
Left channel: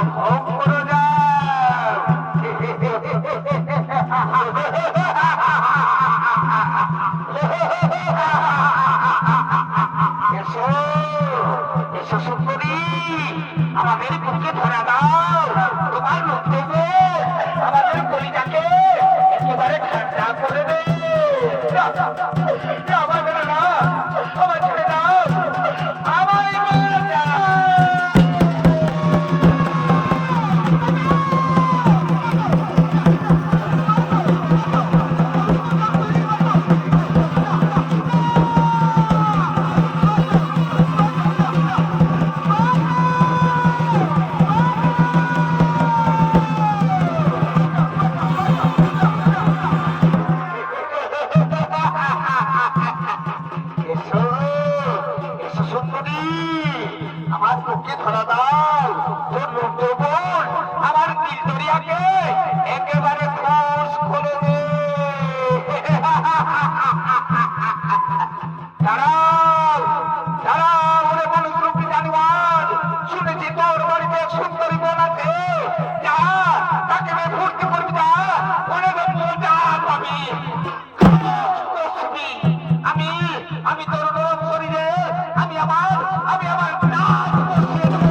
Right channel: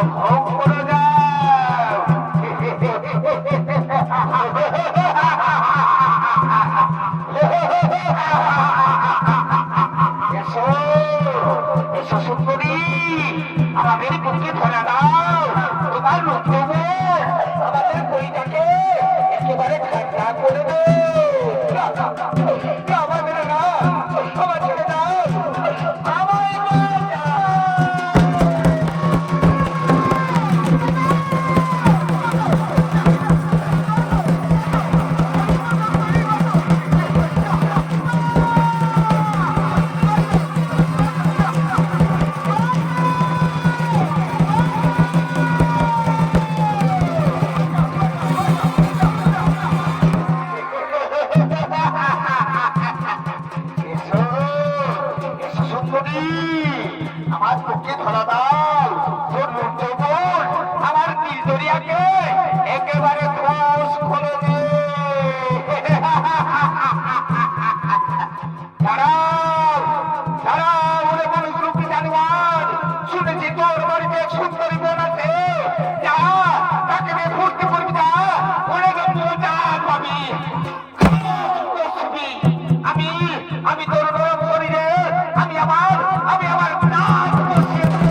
উপভোগ করে যাও। এসো এসো সুন্দরী, আমাদের বুকে ধরা দাও তোমার রূপ, আমাদের কলিটাকে একেবারে ঠান্ডা করে দে। আমার মেরে না, আমার ছেড়ে দাও, আমায় মেরে দাও। আমার বুকে ধরা দাও তোর মুখে বল, আমার কি দরিয়াকে একেবারে খোঁজ করে দে। দাঁড়াও দাঁড়াও ওরে মানুষগুলোকে জানিবার, শুনেছি তোর বাড়িতে সুন্দরী বোন আছে, যা তাকে নিয়ে ফুর্তি করবি না, ওরে বাবু যা পাবি। আমি আমি তোর শরীরে আমি আমার নাম বসিয়ে দেব।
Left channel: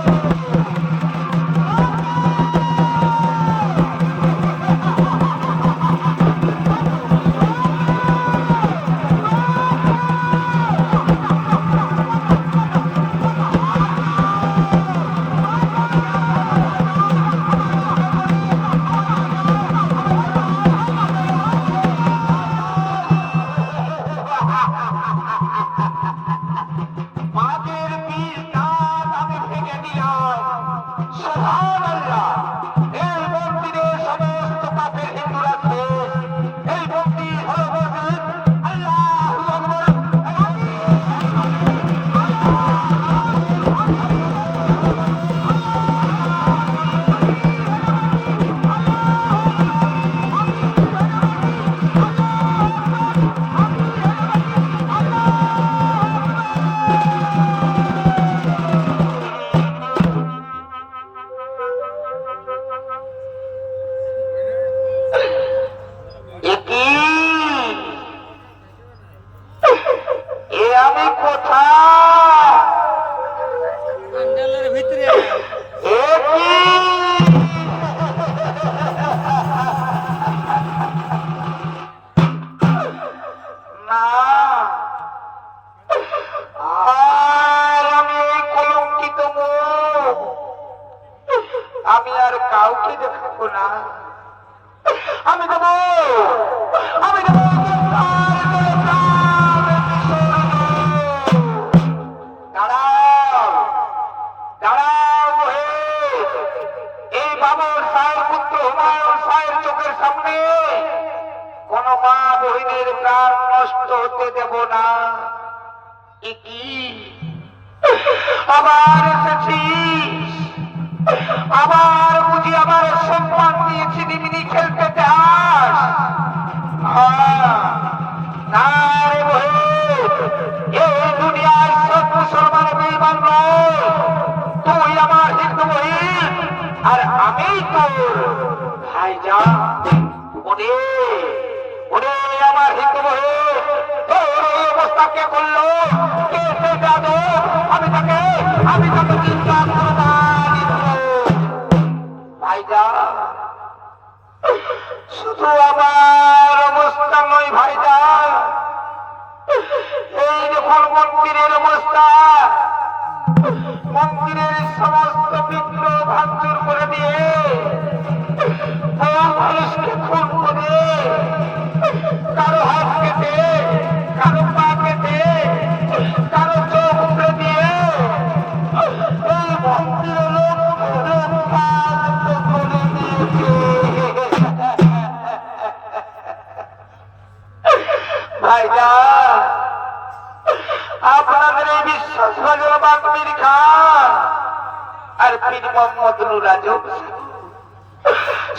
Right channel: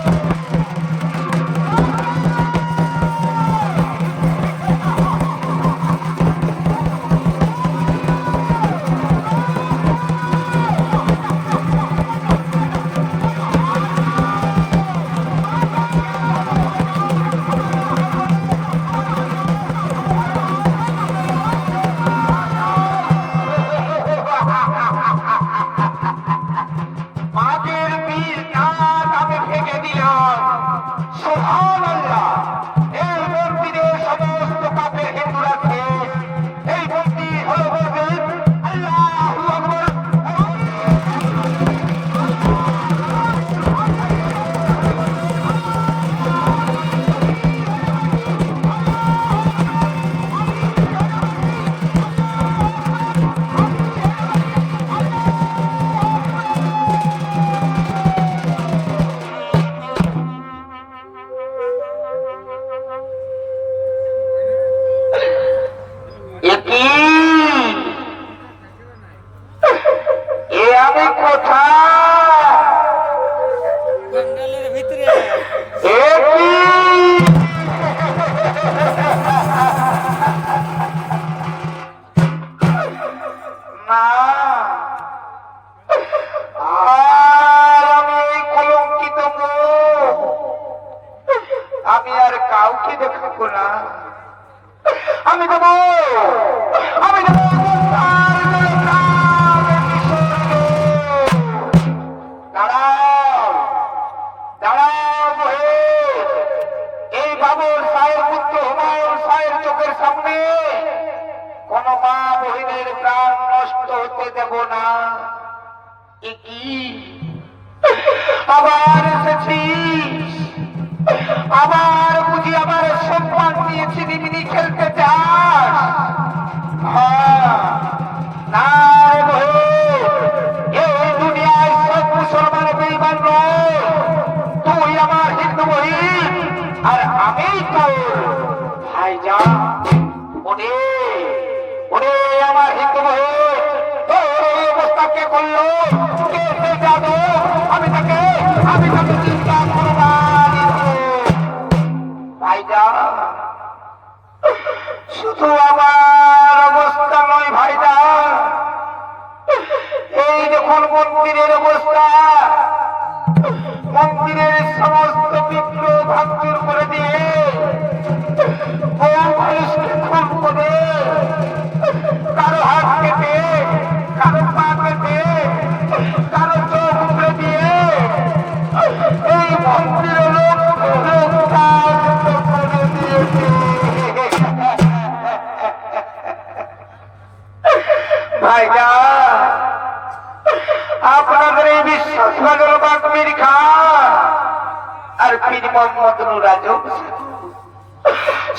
আমি আর কাউকে দেখাবো না, আমি দেবো আমি দেবো। দাঁড়াও দাঁড়াও, এই বাবুর সাহের পুত্র হুমায়ুন সাহের চোখের সামনে কোন মা বহিনের প্রাণ নষ্ট হতে দেব না। কি আবার এসেছিস, আবার বুঝি আমার সম্মান দিয়ে চিনিমিনি খেলতে চাস? না রে ভাই, এই দুনিয়ায় সব মুসলমান বেঈমান নয়। তুই আমার হিন্দু বহিন আর আমি তোর ভাইজান। ওরে ওরে আমার হিন্দু বহিন, তোর এই অবস্থাকে করলো কে সে যাবে? আমি তাকে চিন্তা করি না ভাইজান। শুধু আমার অবস্থা নয় ভাইজান, এই দেখুন মন্দিরের অবস্থা। মন্দিরের সমস্ত বিগ্রহ ভাঙচুর করে দিয়ে মানুষকে খুন করে, কারো হাত কেটে, কারো পা কেটে, কারো চোখ উপড়ে দিয়ে এই মন্দিরের করে দিয়েছে। ভাইজান, আপনাদের এই বিশ্বাসভাজন বাকমির খান আর পীর মোহাম্মদ নুরাজম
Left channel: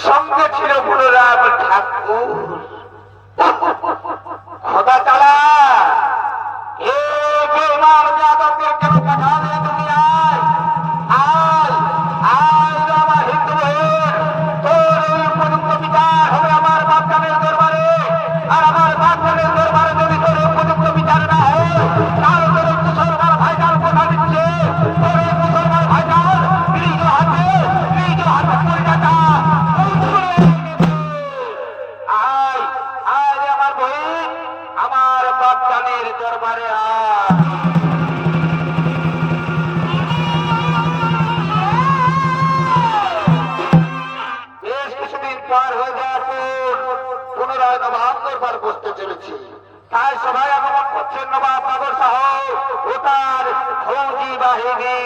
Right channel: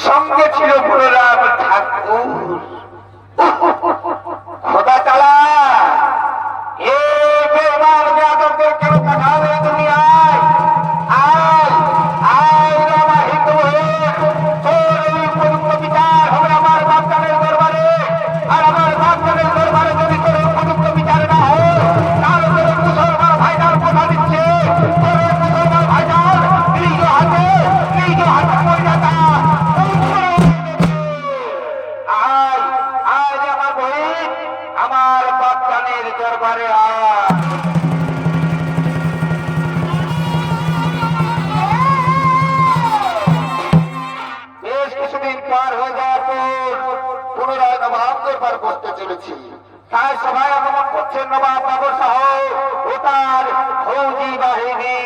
সঙ্গে ছিল পুরোরাম ঠাকুর। খোদা তাআলা এই বেঈমান যাদবদের কেন পাঠাও এই দুনিয়ায়? আয় আয় আমার এসেছে। তাই সবাই আগমন করছেন নবাব বাবর শাহ ও তার ফৌজি বাহিনী।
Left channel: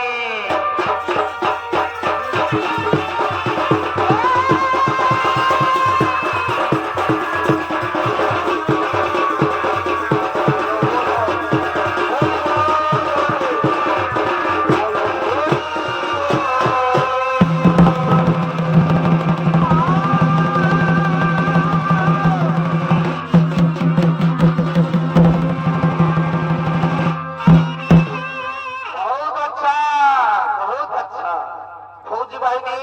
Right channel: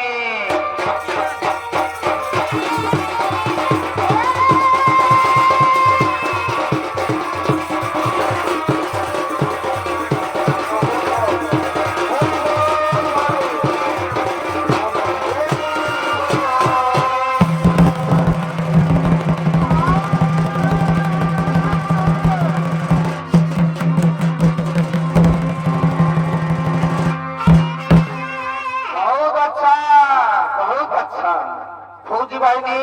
ফৌজি বাহিনী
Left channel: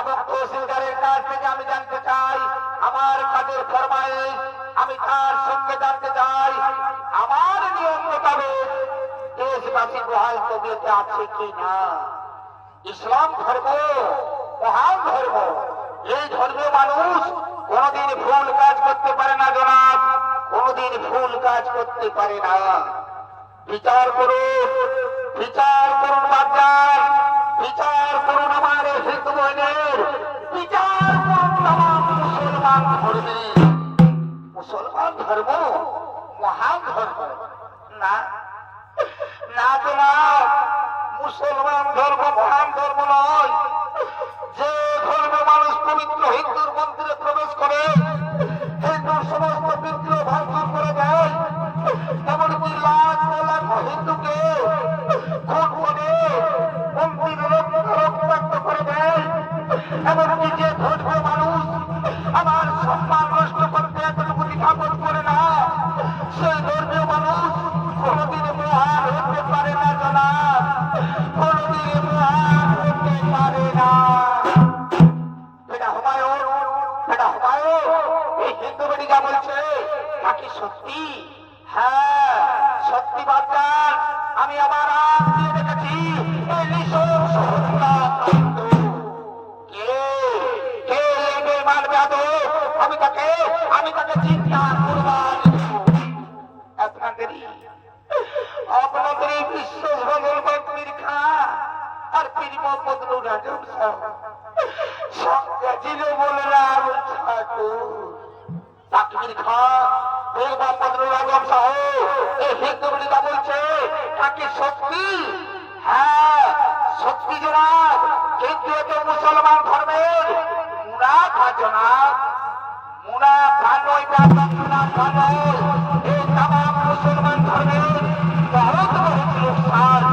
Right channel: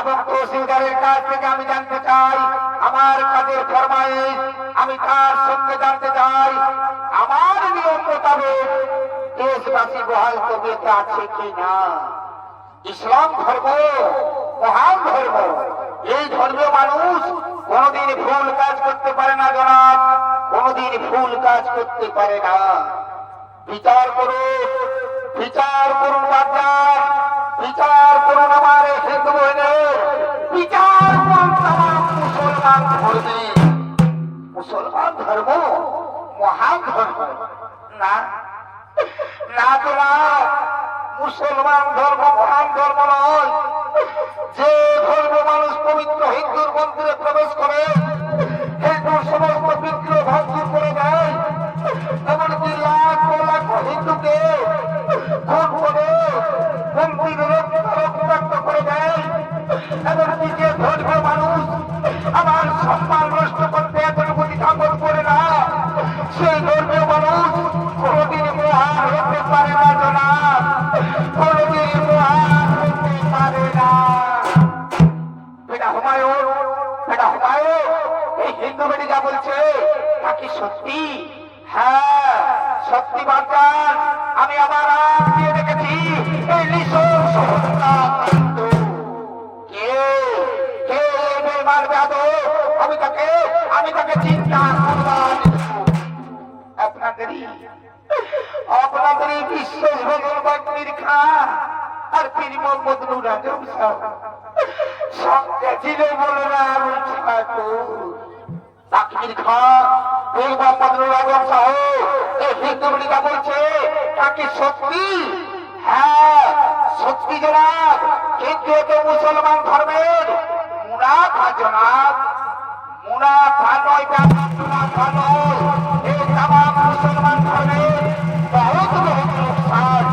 এবং তহসিলদারের কাছ থেকে আমি জানতে চাই আমার কাজের ফরমাইশ, আমি তার সঙ্গে জানতে চাই আমার নিয়ম মোতাবেক দেশবাসী বহাল তবিয়তে আছে কি না। ইসলাম ধর্ম মহান ধর্ম, এই ধর্মীয় মানুষ কোনদিন ভুল কাজ করতে পারে না জনাব, কোনদিন ভুল কাজ করতে পারে না। বিচার করুন, বিচার করুন বাজার, বিচার করুন আমার হিন্দু বোনের, বিচার করুন তামাম মুসলমান ধর্মে। মুসলমান ধর্ম মহান ধর্ম না, না তো না, মুসলমান ধর্ম মহান ধর্ম নয়। যে ধর্ম মানুষ পবিত্র হিন্দুর মন্দিরে প্রবেশ করে হিন্দুর সমস্ত বিগ্রহ ভাঙচুর করে দেয়, এমনকি লাখ লাখ হিন্দুকে খুন করে মন্দিরে রক্তাক্ত করে দেয়, এমনকি যে ধর্মীয় মানুষ আমার সম্মান নষ্ট করতে এতটুকু দ্বিধাবোধ করে না, সেই ধর্মীয় মানুষ কোনদিন মহান হতে পারে না জনাব, কোনদিন মহান হতে পারে না। বেটা হুমায়ুন, বেটা হুমায়ুন, এই হিন্দু বেটি যা বলছে তা কি সত্যি? হ্যাঁ সত্যি বাচ্চান, আমি আবার আজ দিয়ে দেখেছি এই নৃশংস হত্যাকাণ্ড। কে কে এই বেমার যাবে, আমি তাকে চিন্তা করবার আপনাদেরই বিশ্বাস ভগল বাগ্মির খান আর পীর মোহাম্মদ নুর আজম সাহেব সঙ্গে ছিলেন বলে না বাগ্মির খান পীর মোহাম্মদ নুর আজম সাহেব এই হিন্দুরা বলছে তাকে সত্যি? হ্যাঁ সত্যি জনাব, কিন্তু এতে মুসলমান ধর্মের মুনাফা জনাব, মুনাফা নয়, মুনাফা নয়, এই তামাম মুসলমান ধর্মের বহুত বহুত লোকসান।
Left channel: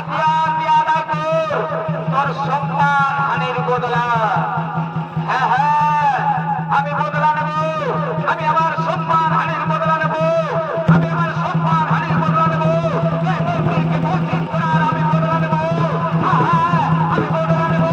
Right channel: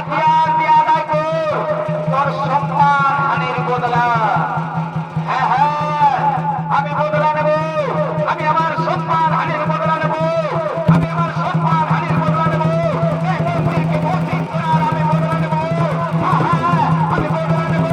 হাতিয়ার দিয়ে আদায় করো তোর সম্মান হানির বদলা। হ্যাঁ হ্যাঁ, আমি বদলা নেব, আমি আমার সম্মান হানির বদলা নেব, আমি আমার সম্মান হানির বদলা নেব, এই মন্ত্রীকে মন্ত্রী করার আমি বদলা নেব। হ্যাঁ হ্যাঁ, আমি বদলা নেব।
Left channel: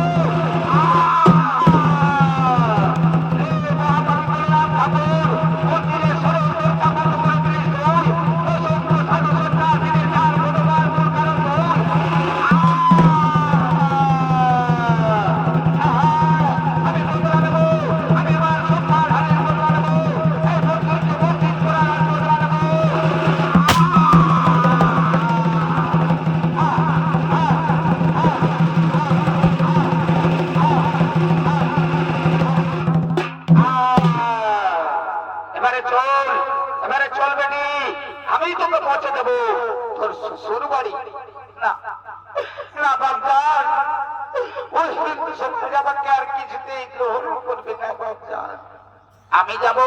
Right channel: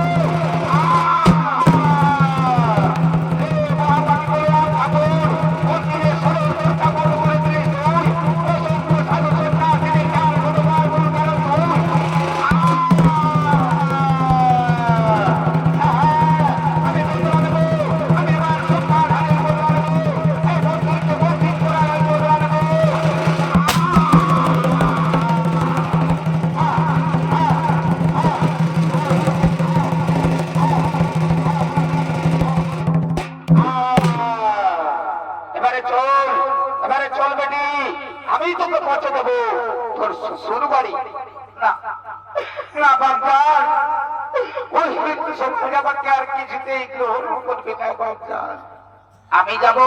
এবারে চল, এবারে চল বেটি, আমি তোকে পৌঁছে দেবো তোর শ্বশুর বাড়ি। না না বাপজান, ওই মৃত্যু সমাজ আমাকে আর কিছুতেই গ্রহণ করবে না বাপজান। আমি যাব,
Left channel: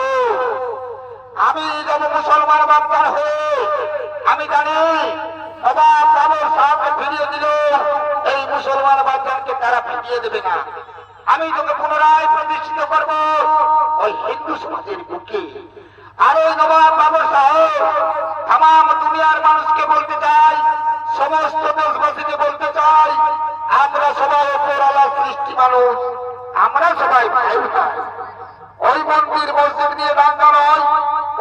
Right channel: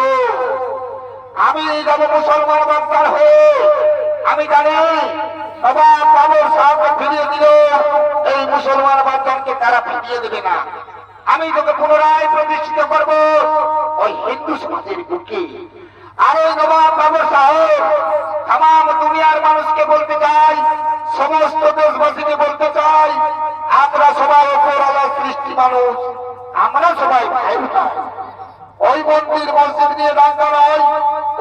আমি যাব মুসলমান বাপজান হয়ে। আমি জানি বাবা তাদের সাথে ফিরিয়ে দিলে এই মুসলমান বাপজানকে তারা ফিরিয়ে দেবে না। আমি তোকে পুনরায় প্রতিষ্ঠিত করবো ওই হিন্দু সমাজের বুকে। আর ওই নবাব বাবর সাহেব তাম দুনিয়ার মানুষকে বলতে চাই, সমস্ত দেশবাসীকে বলতে চাই, আমরা সবাই অপরাধ সৃষ্টি মানুষ, আমরা সবাই ভাইয়ের ভাই। ওই মন্দির মসজিদ নিয়ে দাঙ্গা নয়,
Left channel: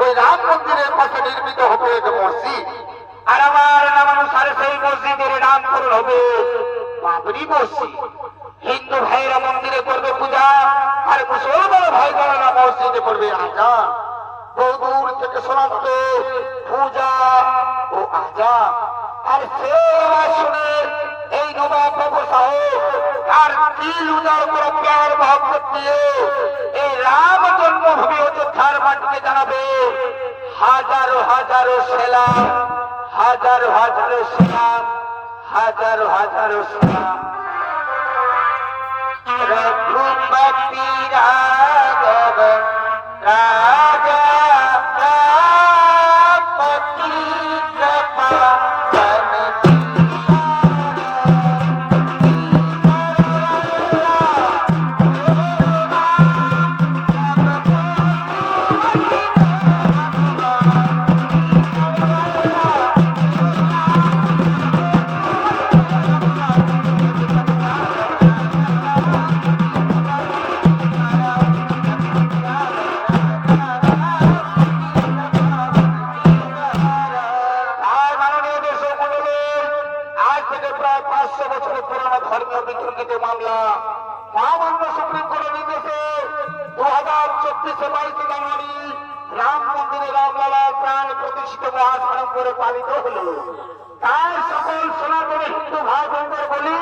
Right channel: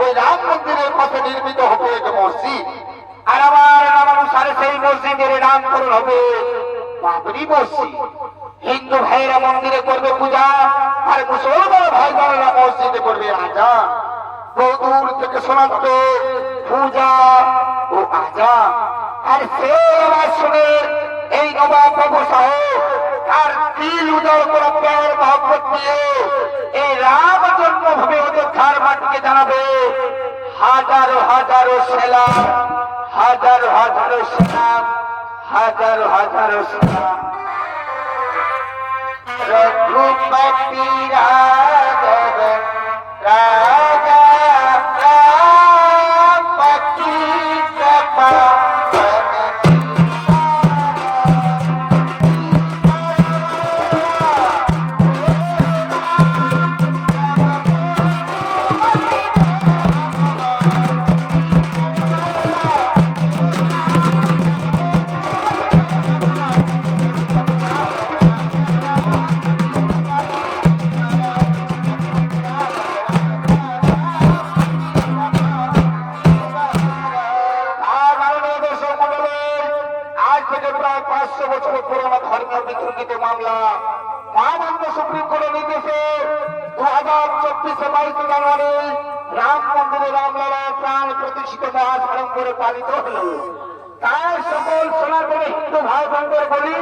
ওই রাম মন্দিরের পাশে নির্মিত হবে এক মসজিদ। আর আমার নামানুসারে সেই মসজিদের নামকরণ হবে বাবরি মসজিদ। হিন্দু ভাইরা মন্দিরে করবে পূজা, আর মুসলমান ভাই বোনেরা মসজিদে করবে আজান। বহুদূর থেকে শোনাচ্ছে পূজা ও আজান। আর সে আওয়াজ শুনে এই নবাব বাবু সাহেব আর তিল উদয় করে প্যার ভাগবত দিয়ে এই রাম জন্মভূমি অযোধ্যার মাটিকে জানাবে হাজারো হাজারো সেলাম, হাজারো হাজারো সেলাম, হাজারো হাজারো সেলাম। रघुपति राघव राजा रामपति कृपा রাম মন্দিরে রামলালা প্রাণ প্রতিষ্ঠিত মহাসড়ম্বরে পালিত হল। তাই সকল সোনার হিন্দু ভাই বোনদের বলি,